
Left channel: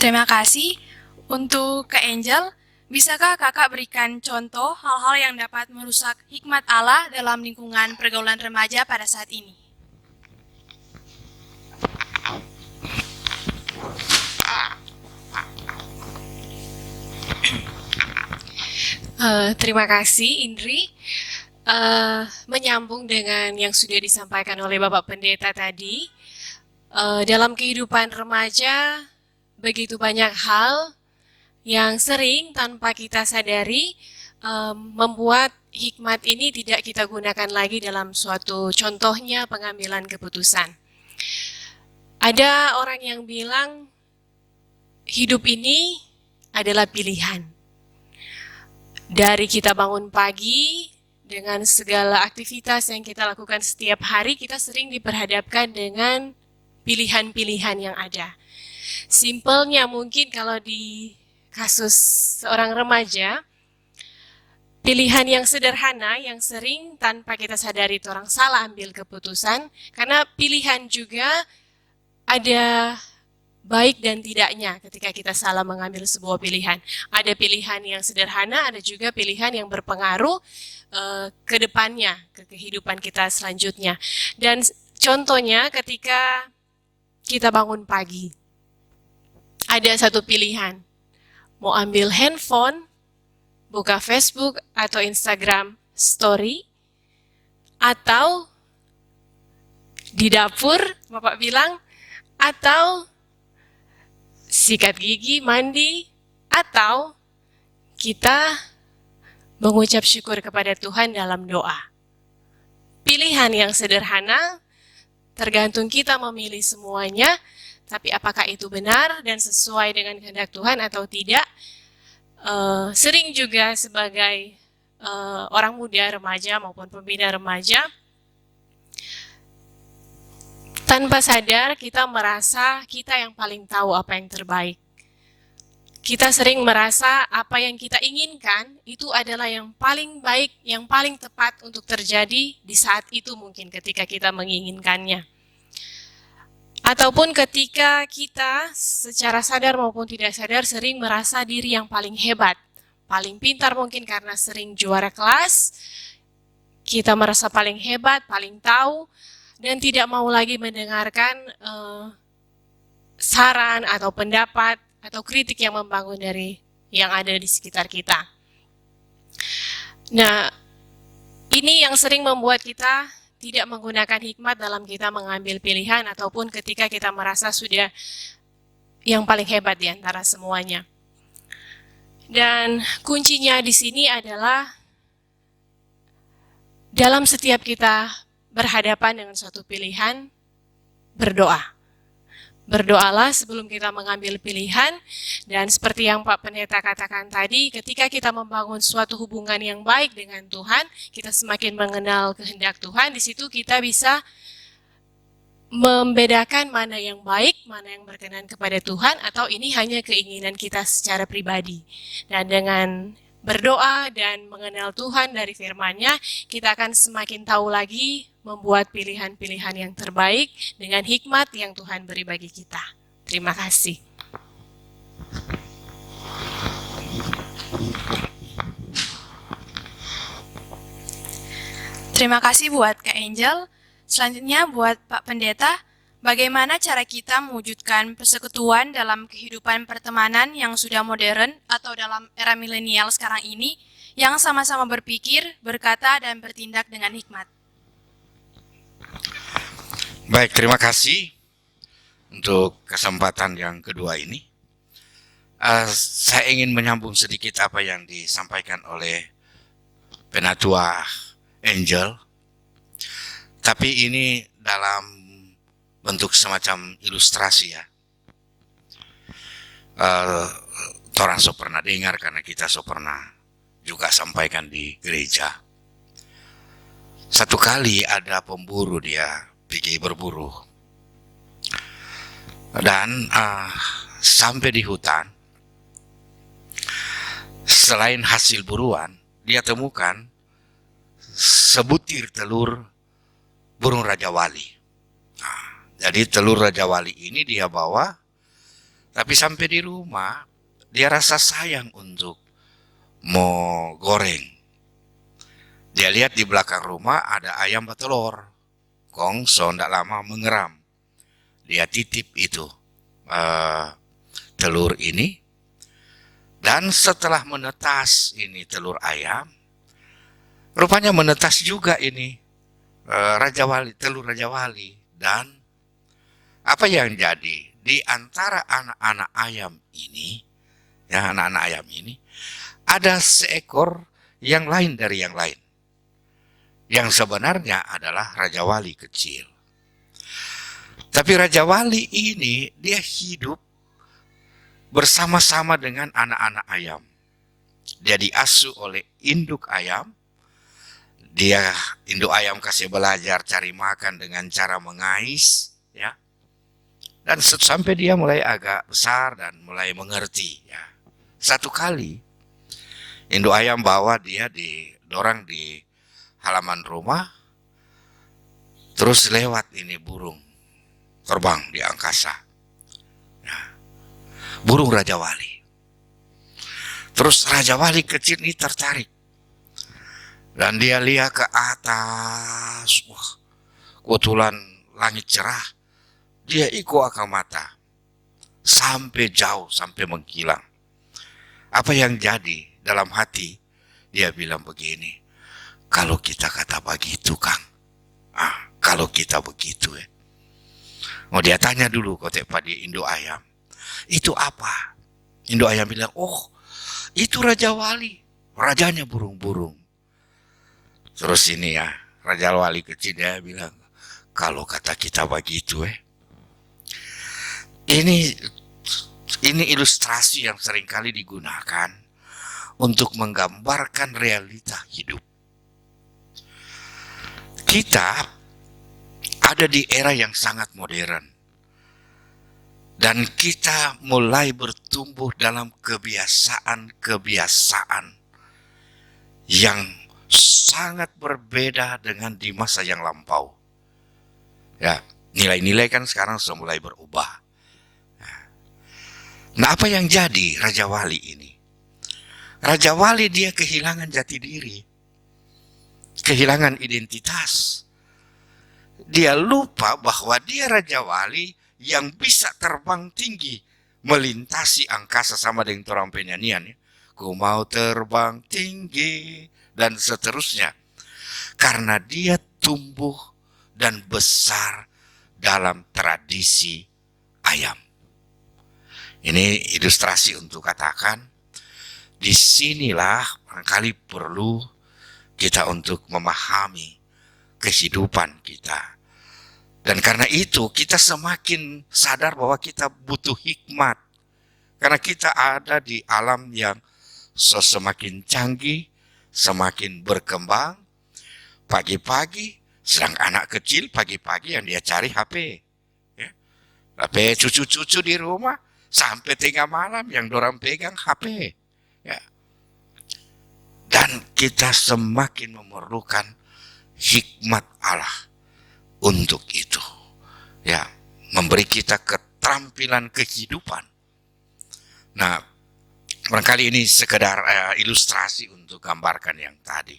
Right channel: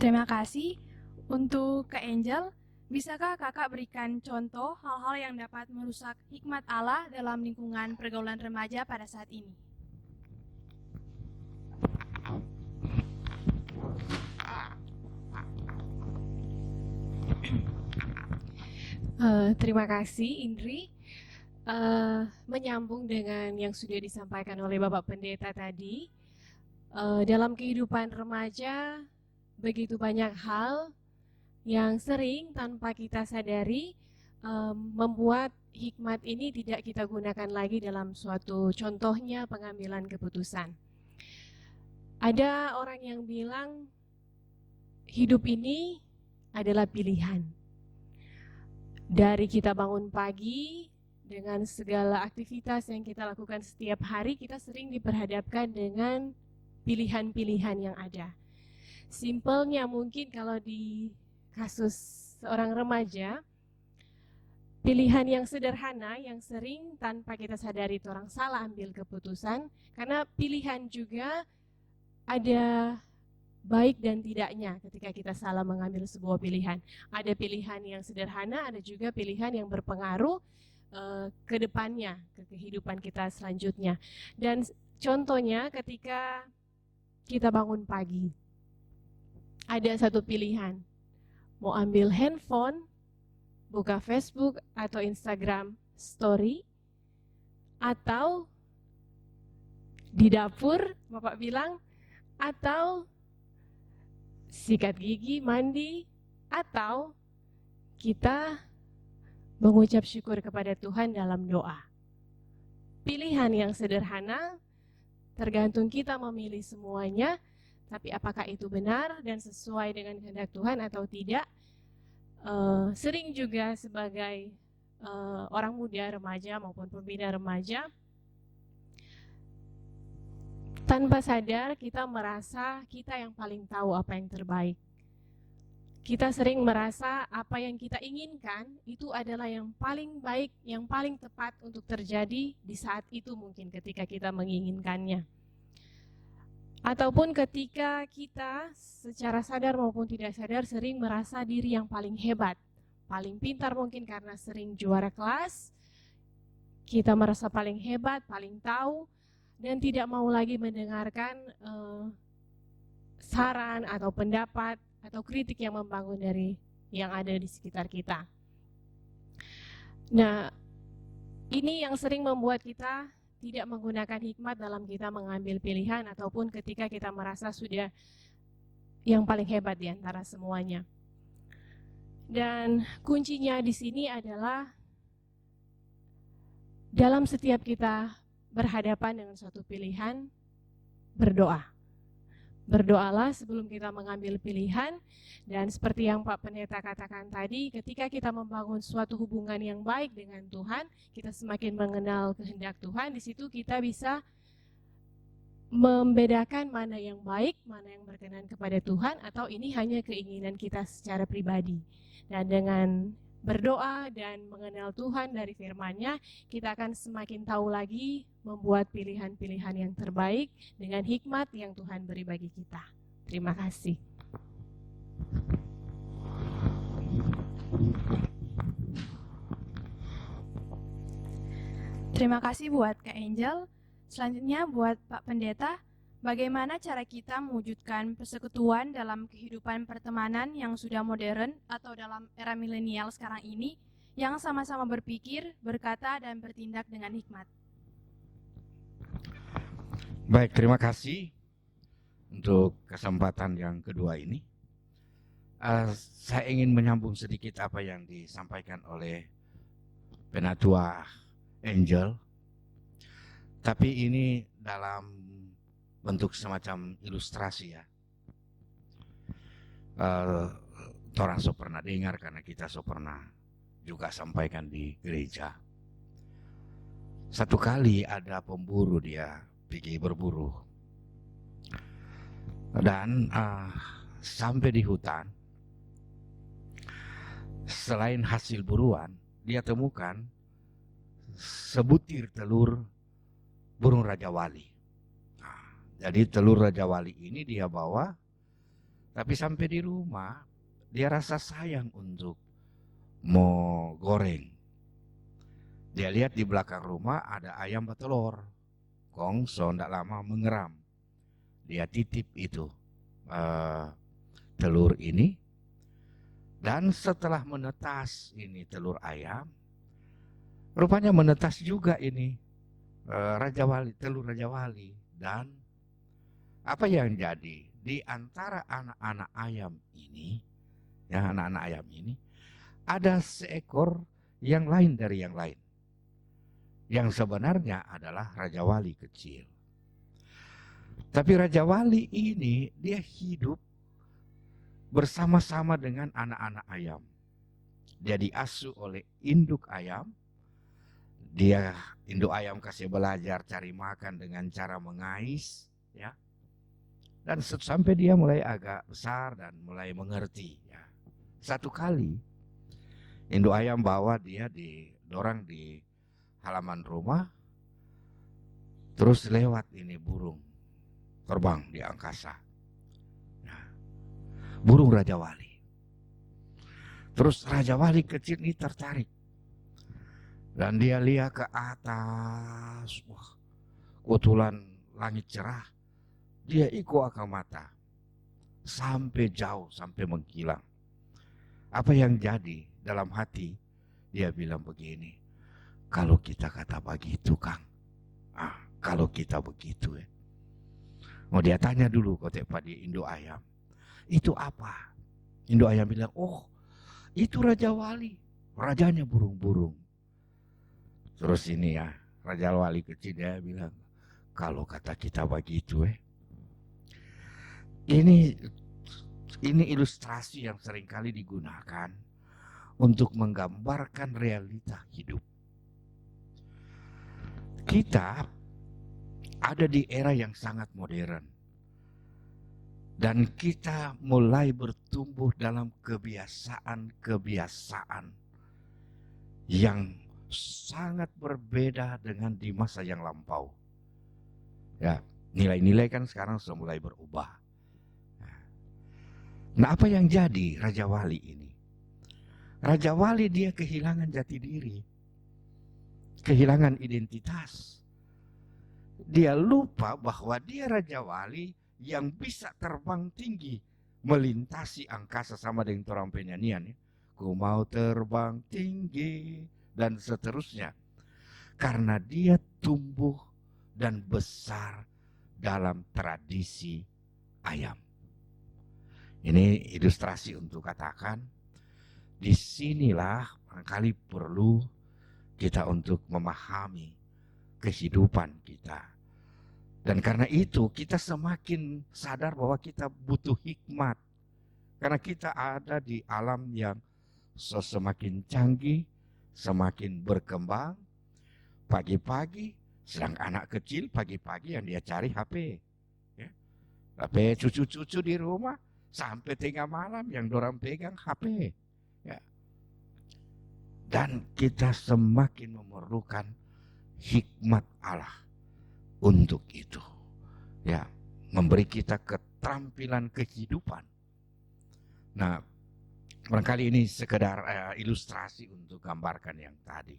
Terima kasih. Untuk Kak Angel, bisakah kakak berikan contoh hal-hal yang dapat merusak hikmat Allah dalam lingkungan pergaulan remaja pada saat ini? Terima kasih Indri. Menyambung dengan yang sudah disampaikan oleh Bapak Pendeta tadi, dalam kehidupan remaja begitu banyak hal yang sering tanpa kita sadari membuat hikmat ini tidak kita gunakan lagi dalam suatu contohnya pengambilan keputusan. Ada orang yang bilang hidup ini adalah pilihan. Dari kita bangun pagi dengan segala aktivitas yang kita lakukan setiap hari, kita sering diperhadapkan dengan pilihan-pilihan yang ada. Simpelnya mungkin kalau di kasus seorang remaja, pilihan yang sederhana yang sering tanpa kita sadari itu orang salah ambil keputusan, karena pilihan juga ada baik dan tidaknya ketika kita salah mengambil sebuah pilihan. Ada pilihan yang sederhana, ada juga pilihan yang berpengaruh ke depannya, ke kehidupan kita selanjutnya. Dan contohnya ketika kita bangun pagi, ada satu pilihan, mau ambil handphone, buka Facebook atau Instagram story, atau di dapur, Bapak bilang, atau sikat gigi, mandi, atau kita mengucap syukur kepada Tuhan dalam doa. Pilihan yang sederhana, tergantung kita memilih semuanya, tapi apakah itu benar dan sesuai dengan kehendak Tuhan atau tidak? Sering juga sebagai orang muda, remaja maupun pembina remaja, tanpa sadar kita merasa kita yang paling tahu apa yang terbaik. Kita sering merasa apa yang kita inginkan itu adalah yang paling baik, yang paling tepat untuk terjadi di saat itu mungkin ketika kita menginginkannya. Ataupun ketika kita secara sadar maupun tidak sadar sering merasa diri yang paling hebat, paling pintar mungkin karena sering juara kelas, kita merasa paling hebat, paling tahu, dan tidak mau lagi mendengarkan saran atau pendapat atau kritik yang membangun dari yang ada di sekitar kita. Nah, ini yang sering membuat kita tidak menggunakan hikmat dalam kita mengambil pilihan ataupun ketika kita merasa sudah yang paling hebat di antara semuanya. Dan kuncinya di sini adalah dalam setiap kita berhadapan dengan suatu pilihan, berdoa. Berdoalah sebelum kita mengambil pilihan, dan seperti yang Pak Pendeta katakan tadi, ketika kita membangun suatu hubungan yang baik dengan Tuhan, kita semakin mengenal kehendak Tuhan, di situ kita bisa membedakan mana yang baik, mana yang berkenan kepada Tuhan, atau ini hanya keinginan kita secara pribadi. Dan dengan berdoa dan mengenal Tuhan dari firman-Nya, kita akan semakin tahu lagi membuat pilihan-pilihan yang terbaik dengan hikmat yang Tuhan beri bagi kita. Terima kasih. Terima kasih buat Kak Angel. Selanjutnya buat Pak Pendeta, bagaimana cara kita mewujudkan persekutuan dalam kehidupan pertemanan yang sudah modern atau dalam era milenial sekarang ini, yang sama-sama berpikir, berkata, dan bertindak dengan hikmat? Baik, terima kasih untuk kesempatan yang kedua ini. Saya ingin menyambung sedikit apa yang disampaikan oleh Penatua Angel, tapi ini dalam bentuk semacam ilustrasi ya. Orang so pernah dengar karena kita so pernah juga sampaikan di gereja. Satu kali ada pemburu, dia pergi berburu. Dan sampai di hutan, selain hasil buruan, dia temukan sebutir telur burung Raja Wali. Jadi telur Raja Wali ini dia bawa, tapi sampai di rumah dia rasa sayang untuk mau goreng. Dia lihat di belakang rumah ada ayam bertelur. Kong so ndak lama mengeram. Dia titip itu telur ini. Dan setelah menetas ini telur ayam, rupanya menetas juga ini Raja Wali, telur Raja Wali. Dan apa yang jadi? Di antara anak-anak ayam ini, ya anak-anak ayam ini, ada seekor yang lain dari yang lain. Yang sebenarnya adalah Raja Wali kecil. Tapi Raja Wali ini dia hidup bersama-sama dengan anak-anak ayam. Dia diasuh oleh induk ayam. Dia induk ayam kasih belajar cari makan dengan cara mengais, ya. Dan sampai dia mulai agak besar dan mulai mengerti, ya. Satu kali induk ayam bawa dia didorong di halaman rumah, terus lewat ini burung terbang di angkasa, ya. Burung Raja Wali. Terus Raja Wali kecil ini tertarik dan dia lihat ke atas. Wah, kebetulan langit cerah. Dia ikut akan mata sampai jauh, sampai menghilang. Apa yang jadi dalam hati? Dia bilang begini, kalau kita kata begitu, Kang. Kalau kita begitu ya. Oh, dia tanya dulu kotek pada induk ayam. Itu apa? Induk ayam bilang, oh itu Raja Wali. Rajanya burung-burung. Terus ini ya, Raja Wali kecil dia bilang, kalau kata kita begitu. Ini ilustrasi yang seringkali digunakan untuk menggambarkan realita hidup. Kita ada di era yang sangat modern. Dan kita mulai bertumbuh dalam kebiasaan-kebiasaan yang sangat berbeda dengan di masa yang lampau. Ya, nilai-nilai kan sekarang sudah mulai berubah. Nah, apa yang jadi Raja Wali ini? Raja Wali dia kehilangan jati diri, kehilangan identitas. Dia lupa bahwa dia Raja Wali yang bisa terbang tinggi, melintasi angkasa sama dengan orang penyanyian. Ku mau terbang tinggi, dan seterusnya. Karena dia tumbuh dan besar dalam tradisi ayam. Ini ilustrasi untuk katakan, disinilah barangkali perlu kita untuk memahami kehidupan kita. Dan karena itu kita semakin sadar bahwa kita butuh hikmat. Karena kita ada di alam yang semakin canggih, semakin berkembang. Pagi-pagi, sedang anak kecil pagi-pagi yang dia cari HP. Ya. HP cucu-cucu di rumah, sampai tengah malam yang dorang pegang HP. Ya. Dan kita semakin memerlukan hikmat Allah untuk itu, ya, memberi kita keterampilan kehidupan. Nah, barangkali ini sekedar ilustrasi untuk gambarkan yang tadi.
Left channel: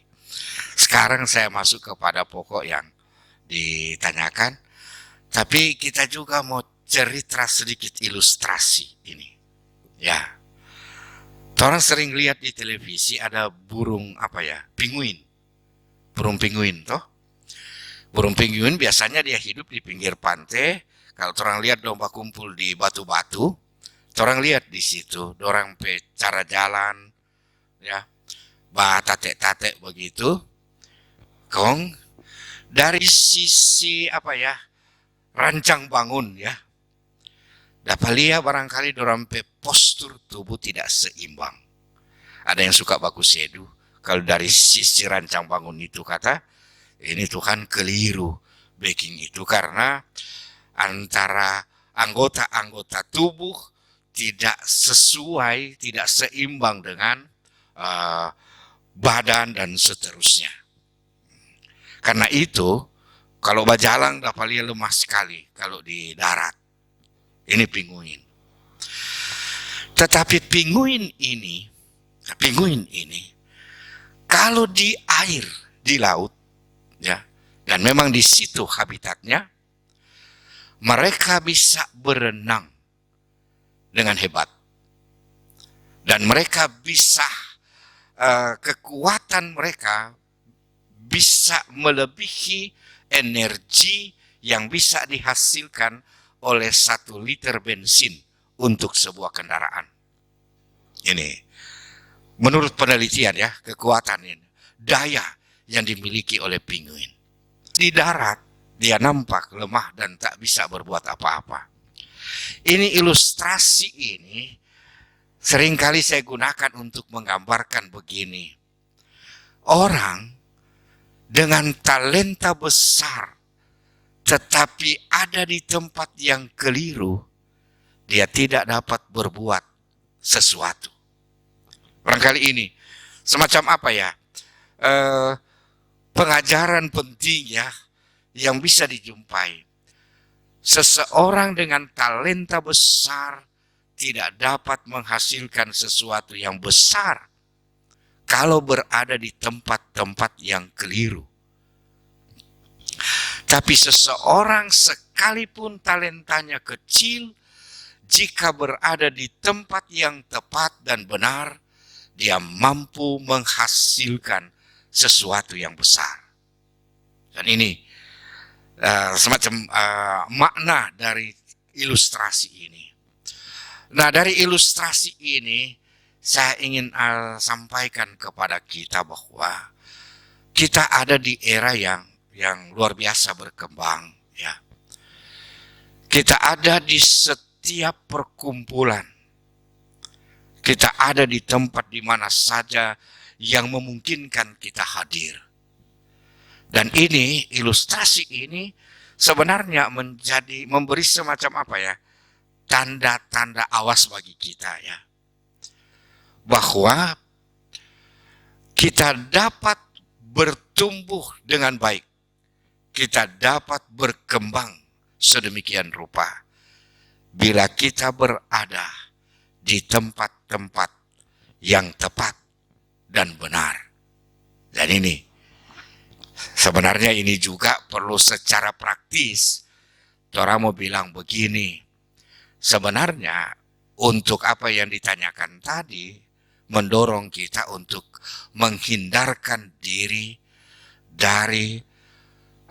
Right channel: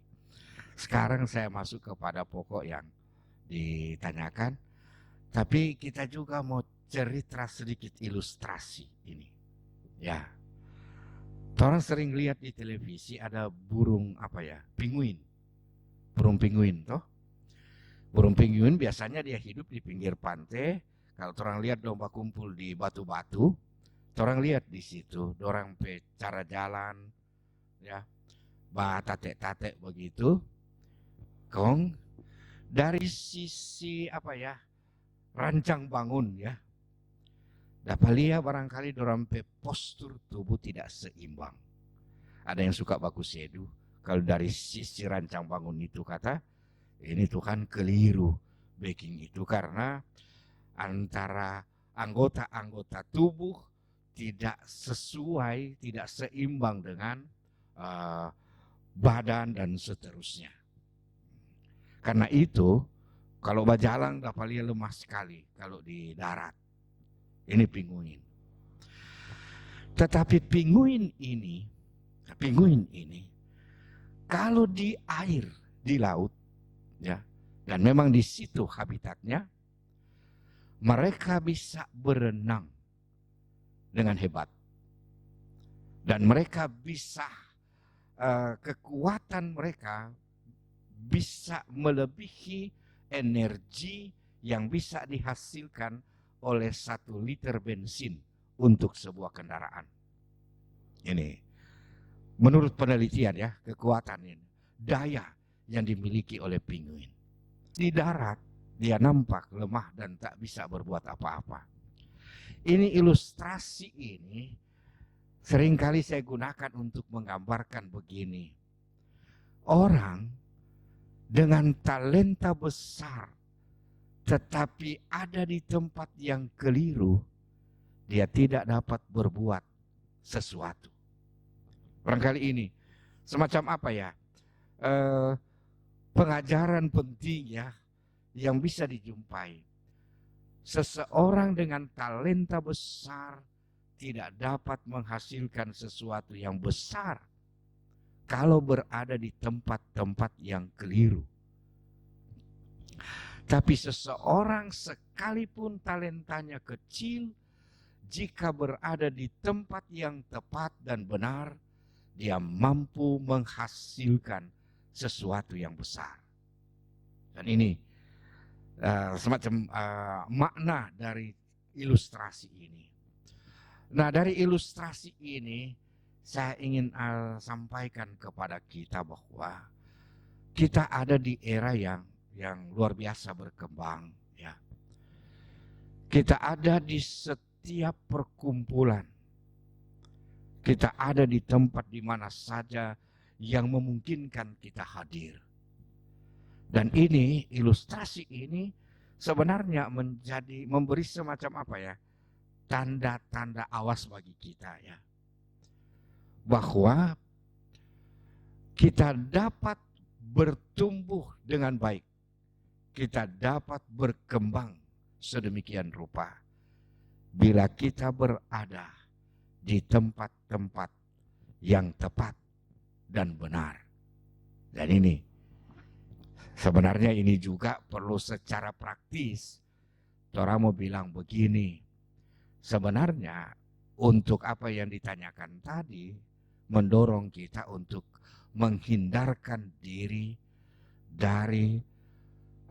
Sekarang saya masuk kepada pokok yang ditanyakan, tapi kita juga mau cerita sedikit ilustrasi ini. Ya, orang sering lihat di televisi ada burung pinguin, burung pinguin toh. Burung pinguin biasanya dia hidup di pinggir pantai. Kalau orang lihat domba kumpul di batu-batu, orang lihat di situ, orang cara jalan, ya, tate-tate begitu. Kong dari sisi rancang bangun, ya, dapat lihat barangkali orang postur tubuh tidak seimbang. Ada yang suka bagus sedu. Kalau dari sisi rancang bangun itu kata, ini Tuhan keliru backing itu karena antara anggota-anggota tubuh tidak sesuai, tidak seimbang dengan badan dan seterusnya. Karena itu kalau berjalan dapat lihat lemah sekali kalau di darat. Ini pinguin. Tetapi pinguin ini kalau di air, di laut, ya, dan memang di situ habitatnya, mereka bisa berenang dengan hebat. Dan mereka bisa, kekuatan mereka bisa melebihi energi yang bisa dihasilkan oleh 1 liter bensin untuk sebuah kendaraan. Ini menurut penelitian, ya, kekuatan ini, daya yang dimiliki oleh pinguin. Di darat dia nampak lemah dan tak bisa berbuat apa-apa. Ini ilustrasi ini seringkali saya gunakan untuk menggambarkan begini. Orang dengan talenta besar tetapi ada di tempat yang keliru, dia tidak dapat berbuat sesuatu. Barangkali ini semacam pengajaran penting, ya, yang bisa dijumpai. Seseorang dengan talenta besar tidak dapat menghasilkan sesuatu yang besar kalau berada di tempat-tempat yang keliru. Tapi seseorang sekalipun talentanya kecil, jika berada di tempat yang tepat dan benar, dia mampu menghasilkan sesuatu yang besar. Dan ini semacam makna dari ilustrasi ini. Nah, dari ilustrasi ini saya ingin sampaikan kepada kita bahwa kita ada di era yang luar biasa berkembang, Kita ada di setiap perkumpulan. Kita ada di tempat di mana saja yang memungkinkan kita hadir. Dan ini, ilustrasi ini sebenarnya memberi semacam apa ya, tanda-tanda awas bagi kita ya. Bahwa kita dapat bertumbuh dengan baik. Kita dapat berkembang sedemikian rupa bila kita berada di tempat-tempat yang tepat dan benar. Dan ini sebenarnya ini juga perlu secara praktis. Orang mau bilang begini, sebenarnya untuk apa yang ditanyakan tadi mendorong kita untuk menghindarkan diri dari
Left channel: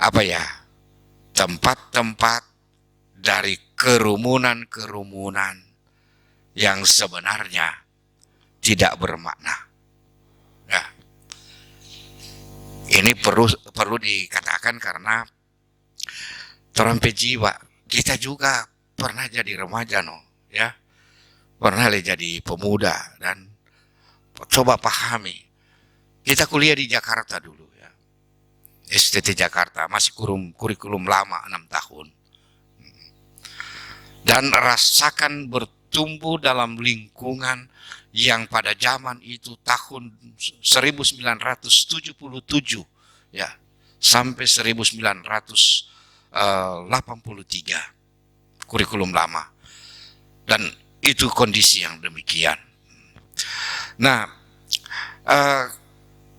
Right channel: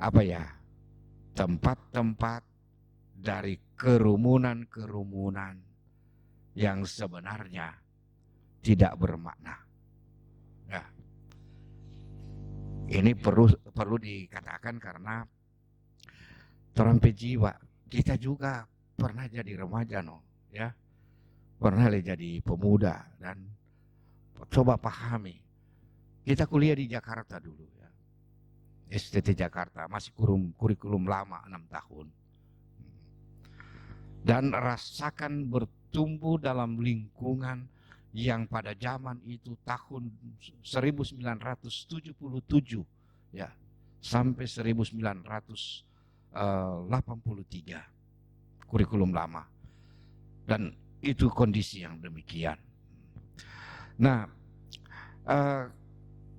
apa ya, tempat-tempat, dari kerumunan-kerumunan yang sebenarnya tidak bermakna. Nah, ini perlu dikatakan karena terampai jiwa. Kita juga pernah jadi remaja, ya, pernah jadi pemuda, dan coba pahami. Kita kuliah di Jakarta dulu, ya, STT Jakarta, masih kurikulum lama 6 tahun. Dan rasakan bertumbuh dalam lingkungan yang pada zaman itu tahun 1977 ya sampai 1983 kurikulum lama, dan itu kondisi yang demikian. Nah,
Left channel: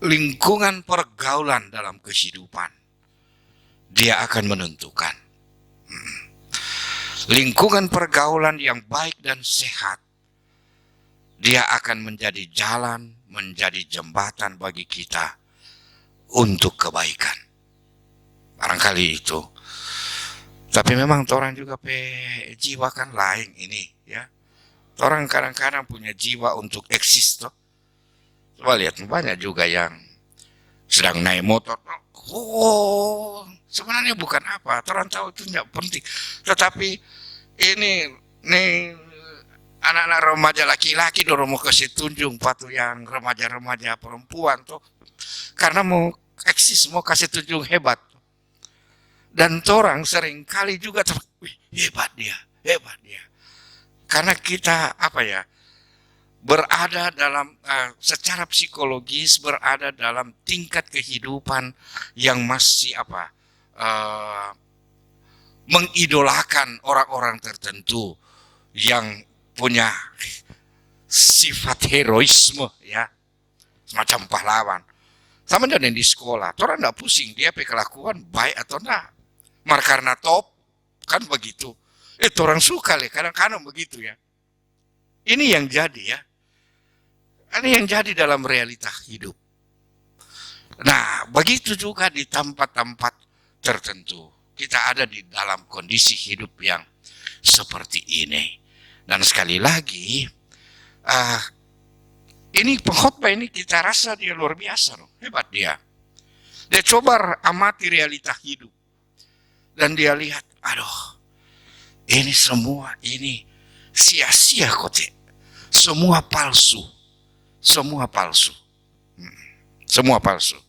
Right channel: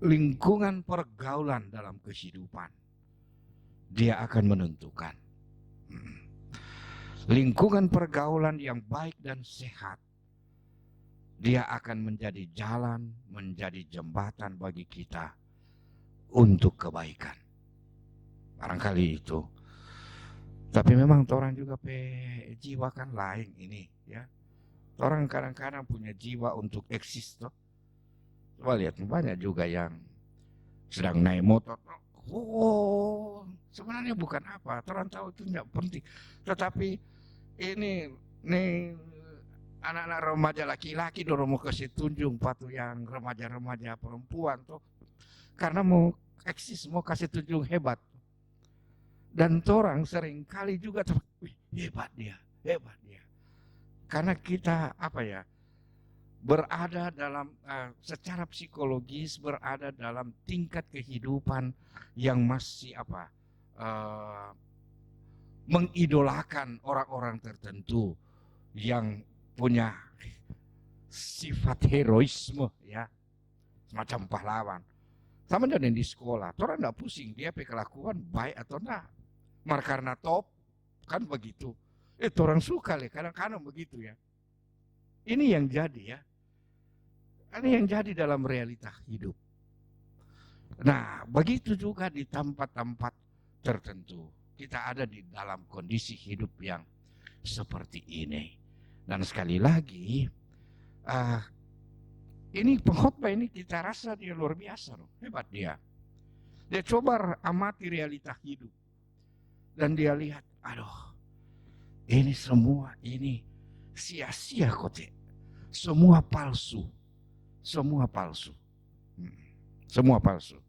lingkungan pergaulan dalam kehidupan dia akan menentukan. Lingkungan pergaulan yang baik dan sehat, dia akan menjadi jalan, menjadi jembatan bagi kita untuk kebaikan. Barangkali itu. Tapi memang orang juga jiwa kan lain ini, ya. Orang kadang-kadang punya jiwa untuk eksis toh. Coba lihat, banyak juga yang sedang naik motor. Oh, sebenarnya bukan apa. Orang tahu itu tidak penting. Tetapi ini anak-anak remaja laki-laki dorong mau kasih tunjuk patu yang remaja-remaja perempuan tuh, karena mau eksis, mau kasih tunjuk hebat. Dan orang sering kali juga hebat dia. Karena kita apa ya, berada dalam secara psikologis, berada dalam tingkat kehidupan yang masih mengidolakan orang-orang tertentu yang punya sifat heroisme, ya, semacam pahlawan. Sama dengan di sekolah, orang tidak pusing dia kelakuan baik atau enggak, karena top kan begitu. Orang suka kadang-kadang begitu ya. Ini yang jadi ya. Ini yang jadi dalam realita hidup. Nah, begitu juga di tempat-tempat tertentu. Kita ada di dalam kondisi hidup yang seperti ini. Dan sekali lagi, ini pengkhotbah ini kita rasa dia luar biasa, hebat dia. Dia coba amati realita hidup. Dan dia lihat, aduh, ini semua ini sia-sia kok. Semua palsu. Semua palsu. Semua palsu.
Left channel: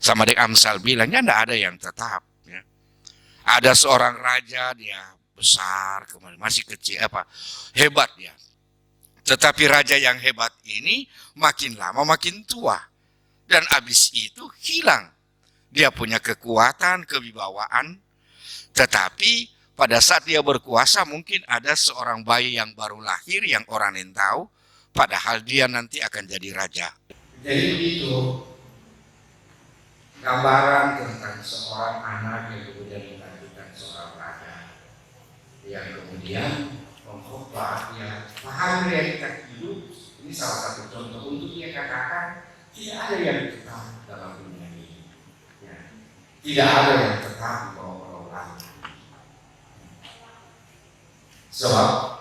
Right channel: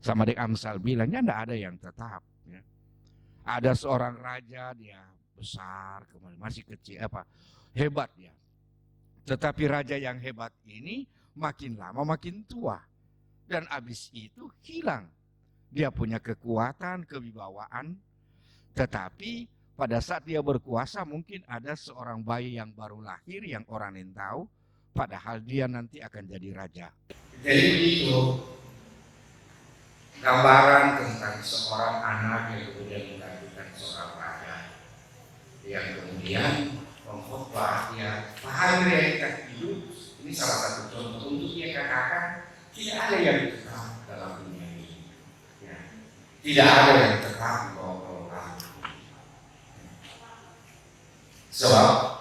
Sama dengan Amsal bilangnya tidak ada yang tetap. Ya. Ada seorang raja, dia besar, kemudian masih kecil, hebat dia. Tetapi raja yang hebat ini makin lama makin tua. Dan habis itu hilang. Dia punya kekuatan, kewibawaan. Tetapi pada saat dia berkuasa mungkin ada seorang bayi yang baru lahir yang orang yang tahu. Padahal dia nanti akan jadi raja. Jadi begitu gambaran tentang seorang anak yang kemudian menggantikan seorang raja. Yang kemudian mengkhotbah, dia paham realita hidup. Ini salah satu contoh untuk dia katakan tidak ada yang tetap dalam dunia ini. Ya. Tidak ada yang tetap di bawah orang. Sebab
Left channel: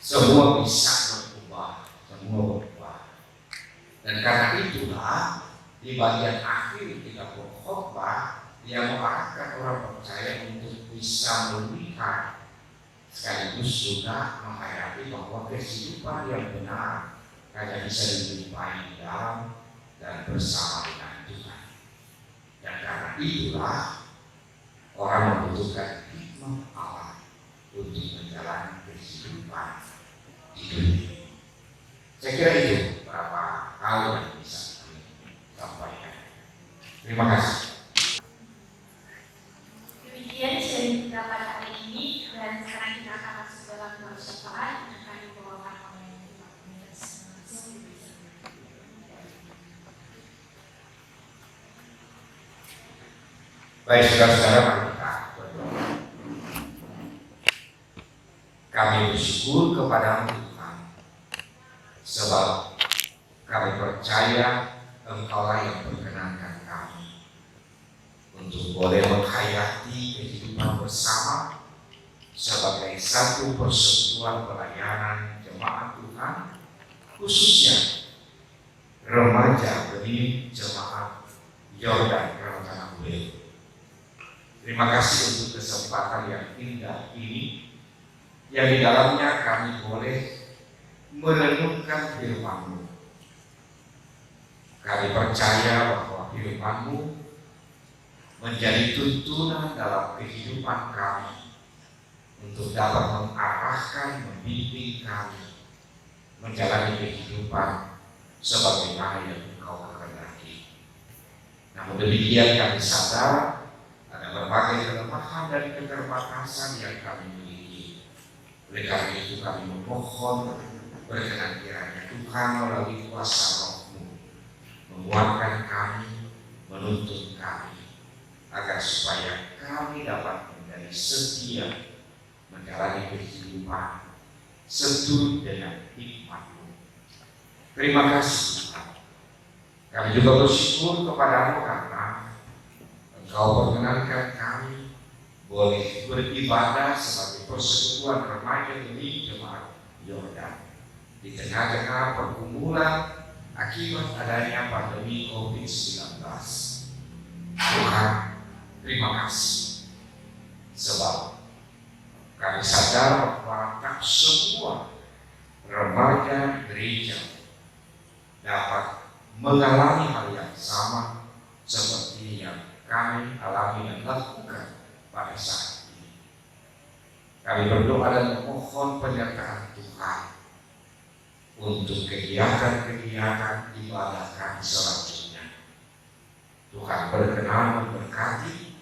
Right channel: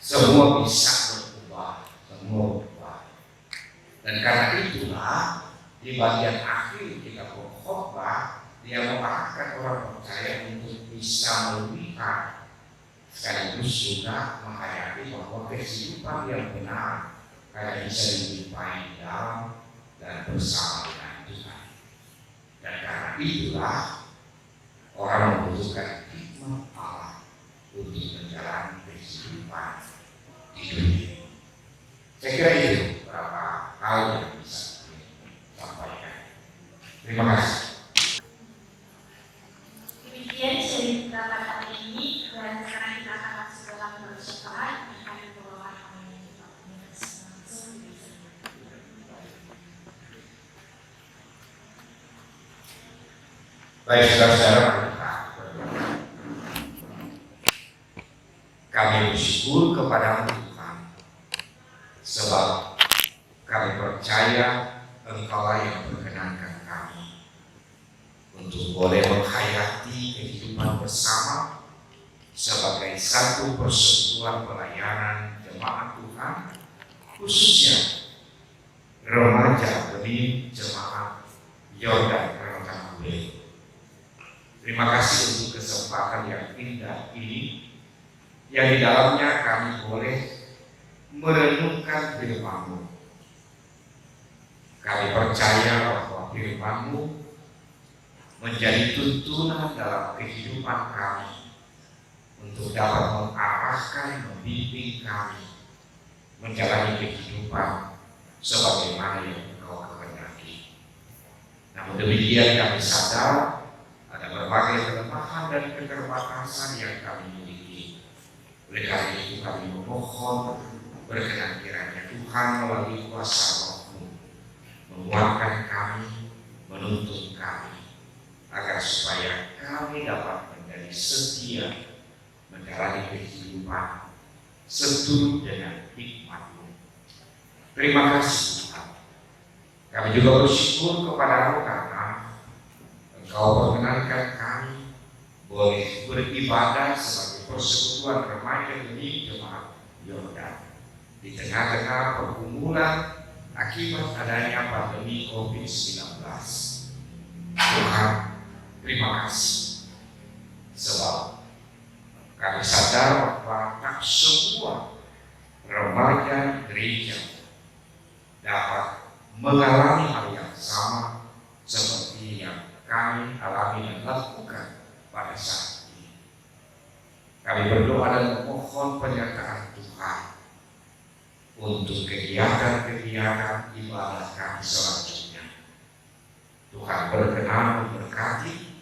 semua bisa berubah, semua berubah. Dan karena itulah di bagian akhir kita berkhotbah Dia mengarahkan orang percaya untuk bisa melihat sekaligus juga menghayati bahwa kehidupan yang benar hanya bisa dijumpai dalam dan bersama dengan Tuhan. Dan karena itulah orang membutuhkan hikmat Allah untuk menjalani kehidupan di dunia. Saya kira itu beberapa hal yang bisa saya sampaikan. Terima kasih. Demikian sharing kita pada hari ini, dan sekarang kita akan masuk dalam doa syafaat yang akan dibawakan oleh Bapak Pengurus langsung di sini. Baik saudara-saudara, mari kita berdoa. Kami bersyukur kepada Tuhan, sebab kami percaya Engkaulah yang berkenankan kami untuk boleh menghayati kehidupan bersama sebagai satu persekutuan pelayanan jemaat Tuhan, khususnya remaja benih jemaat Yordan Rancangan Welu. Terima kasih untuk kesempatan yang indah ini, yang di dalamnya kami boleh merenungkan firman-Mu. Kami percaya bahwa firman-Mu menjadi tuntunan dalam kehidupan kami untuk dapat mengarahkan, membimbing kami menjalani kehidupan sebagaimana yang Engkau kehendaki. Namun demikian kami sadar ada berbagai kelemahan dan keterbatasan yang kami miliki. Oleh karena itu kami memohon berkenan kiranya Tuhan melalui kuasa Roh-Mu menguatkan kami, menuntun kami, agar supaya kami dapat menjadi setia menjalani kehidupan seturut dengan hikmat-Mu. Terima kasih Tuhan. Kami juga bersyukur kepada-Mu karena Engkau perkenankan kami boleh beribadah sebagai persekutuan remaja benih jemaat Yordan di tengah-tengah pergumulan akibat adanya pandemi COVID-19. Tuhan, terima kasih, sebab kami sadar bahwa tak semua remaja gereja dapat mengalami hal yang sama seperti yang kami alami dan lakukan pada saat ini. Kami berdoa dan memohon penyertaan Tuhan untuk kegiatan-kegiatan ibadah kami selanjutnya. Tuhan berkenan memberkati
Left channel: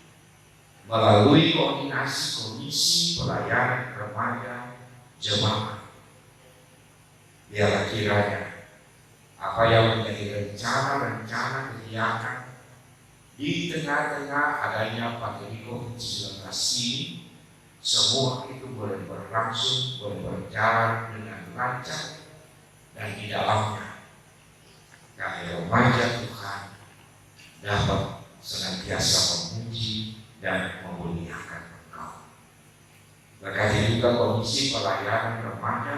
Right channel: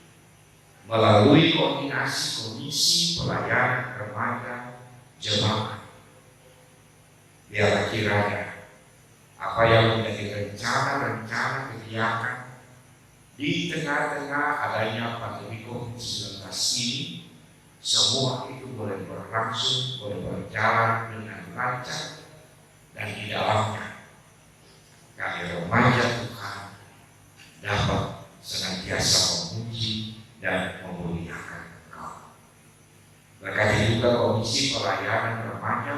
melalui koordinasi komisi pelayanan remaja jemaat. Biarlah kiranya apa yang menjadi rencana-rencana kegiatan di tengah-tengah adanya pandemi COVID-19 ini, semua itu boleh berlangsung, boleh berjalan dengan lancar, dan di dalamnya kami remaja Tuhan dapat senantiasa memuji dan memuliakan Engkau. Berkati juga komisi pelayanan remaja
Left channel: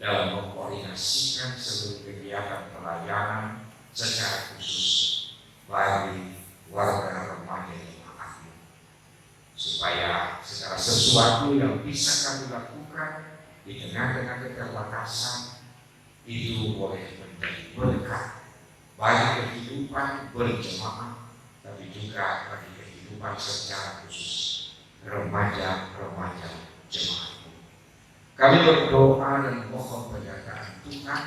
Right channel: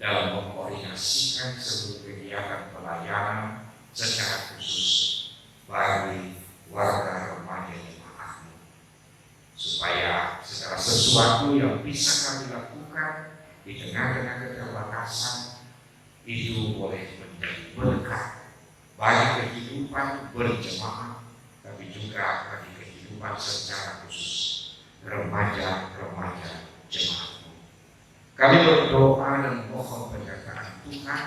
dalam mengkoordinasikan seluruh kegiatan pelayanan secara khusus bagi warga remaja jemaat-Mu, supaya segala sesuatu yang bisa kami lakukan di tengah-tengah keterbatasan itu boleh menjadi berkat bagi kehidupan berjemaat, tapi juga bagi kehidupan secara khusus remaja-remaja jemaat-Mu. Kami berdoa dan mohon penyertaan Tuhan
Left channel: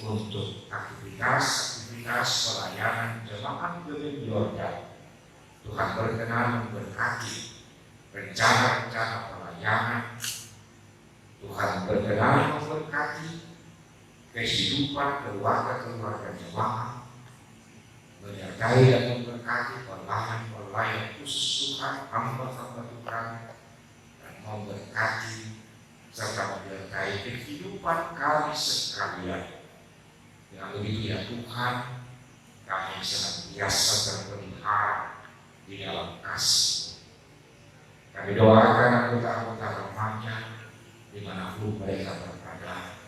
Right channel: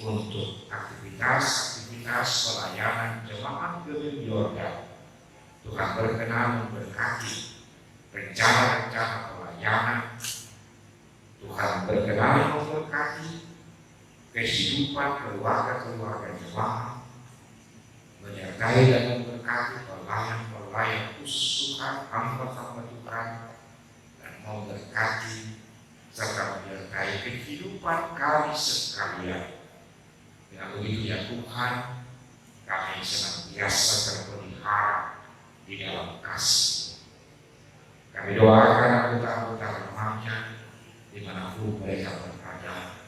untuk aktivitas-aktivitas pelayanan jemaat Gereja Yordan. Tuhan berkenan memberkati rencana-rencana pelayanan. Tuhan berkenan memberkati kehidupan keluarga-keluarga jemaat, menyertai dan memberkati pelayan-pelayan khusus Tuhan, hamba-hamba Tuhan, dan memberkati serta menyertai kehidupan kami sekalian. Dengan begitu ya Tuhan, kami senantiasa terpelihara di dalam kasih. Kami doakan anggota-anggota remaja dimanapun mereka berada,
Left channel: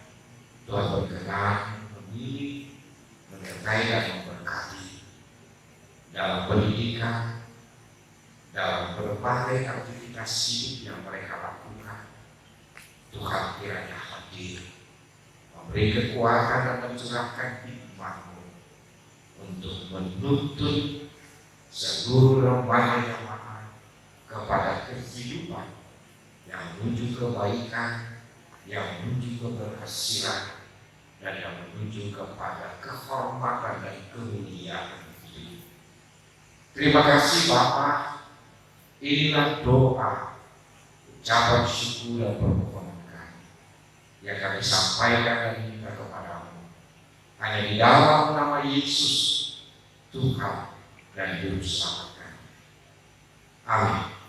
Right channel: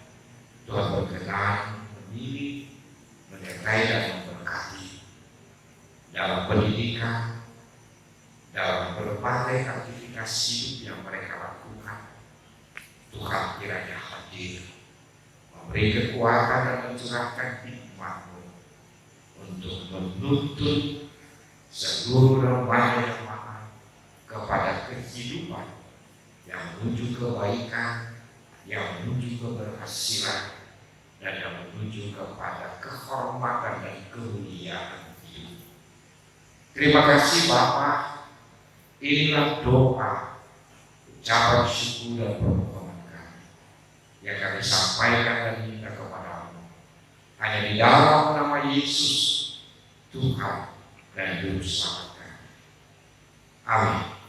Tuhan berkenan memilih, menyertai dan memberkati dalam pendidikan, dalam berbagai aktivitas hidup yang mereka lakukan. Tuhan kiranya hadir, memberi kekuatan dan mencurahkan hikmat-Mu untuk menuntun seluruh remaja jemaat kepada kehidupan yang menuju kebaikan, yang menuju keberhasilan, dan yang menuju kepada kehormatan dan kemuliaan hidup. Terima kasih Bapa. Inilah doa, ucapan syukur dan permohonan kami yang kami sampaikan dan minta kepadamu hanya di dalam nama Yesus, Tuhan dan Juru Selamat kami. Amin.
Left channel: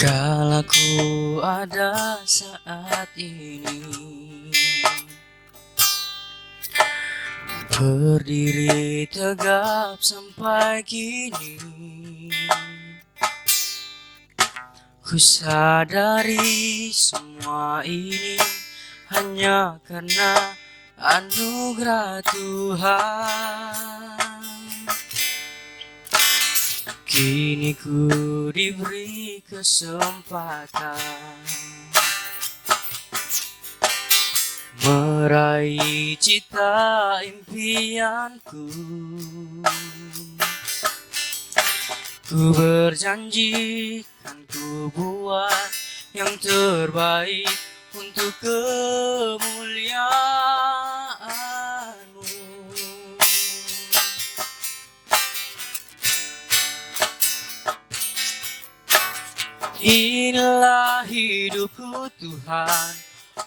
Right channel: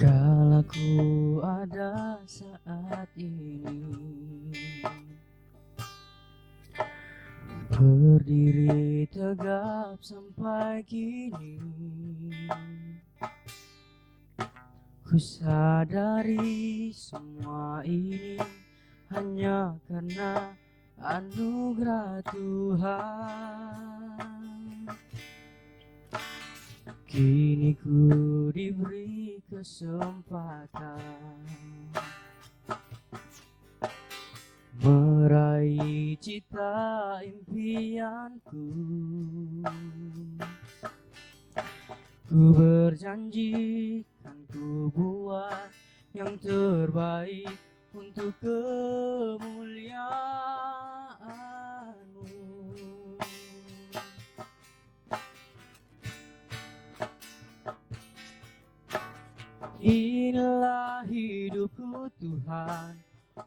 Kala ku ada saat ini, berdiri tegap sampai kini, ku sadari semua ini hanya karena anugerah Tuhan. Kini ku diberi kesempatan meraih cita impianku. Ku berjanji kan ku buat yang terbaik untuk kemuliaan-Mu. Inilah hidupku Tuhan,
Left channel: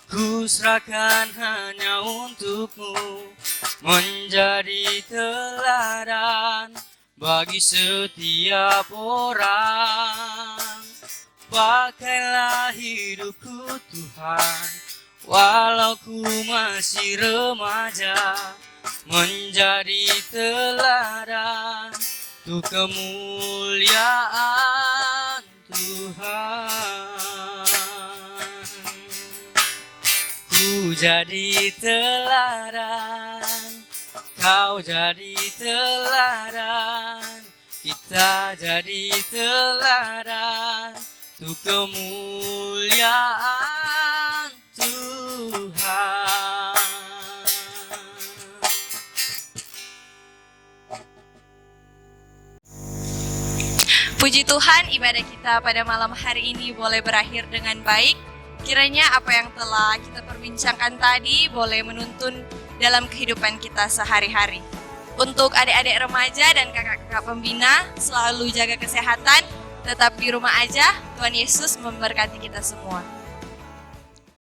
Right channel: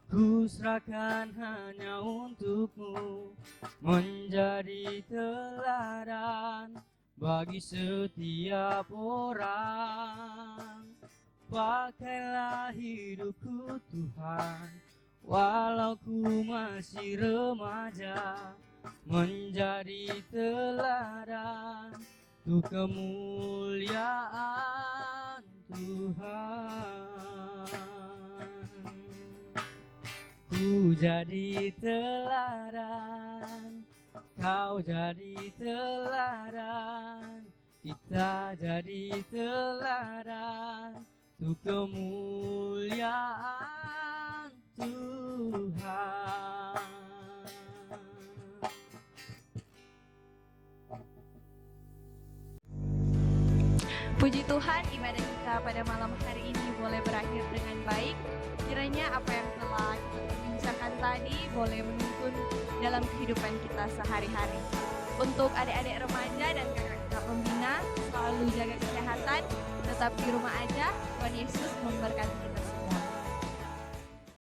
ku serahkan hanya untuk-Mu, menjadi teladan bagi setiap orang. Pakailah hidupku Tuhan, walau ku masih remaja, menjadi teladan untuk kemuliaan Tuhan. Ku jadi teladan, Kau jadi teladan, kita jadi teladan untuk kemuliaan Tuhan. Puji Tuhan, ibadah kita pada malam hari ini boleh berakhir dengan baik. Kiranya apa yang telah kita perbincangkan tadi boleh menuntun dalam kehidupan kita sehari-hari. Untuk adik-adik remaja dan kakak-kakak pembina, selalu jaga kesehatan, tetap di rumah aja. Tuhan Yesus memberkati kita semua.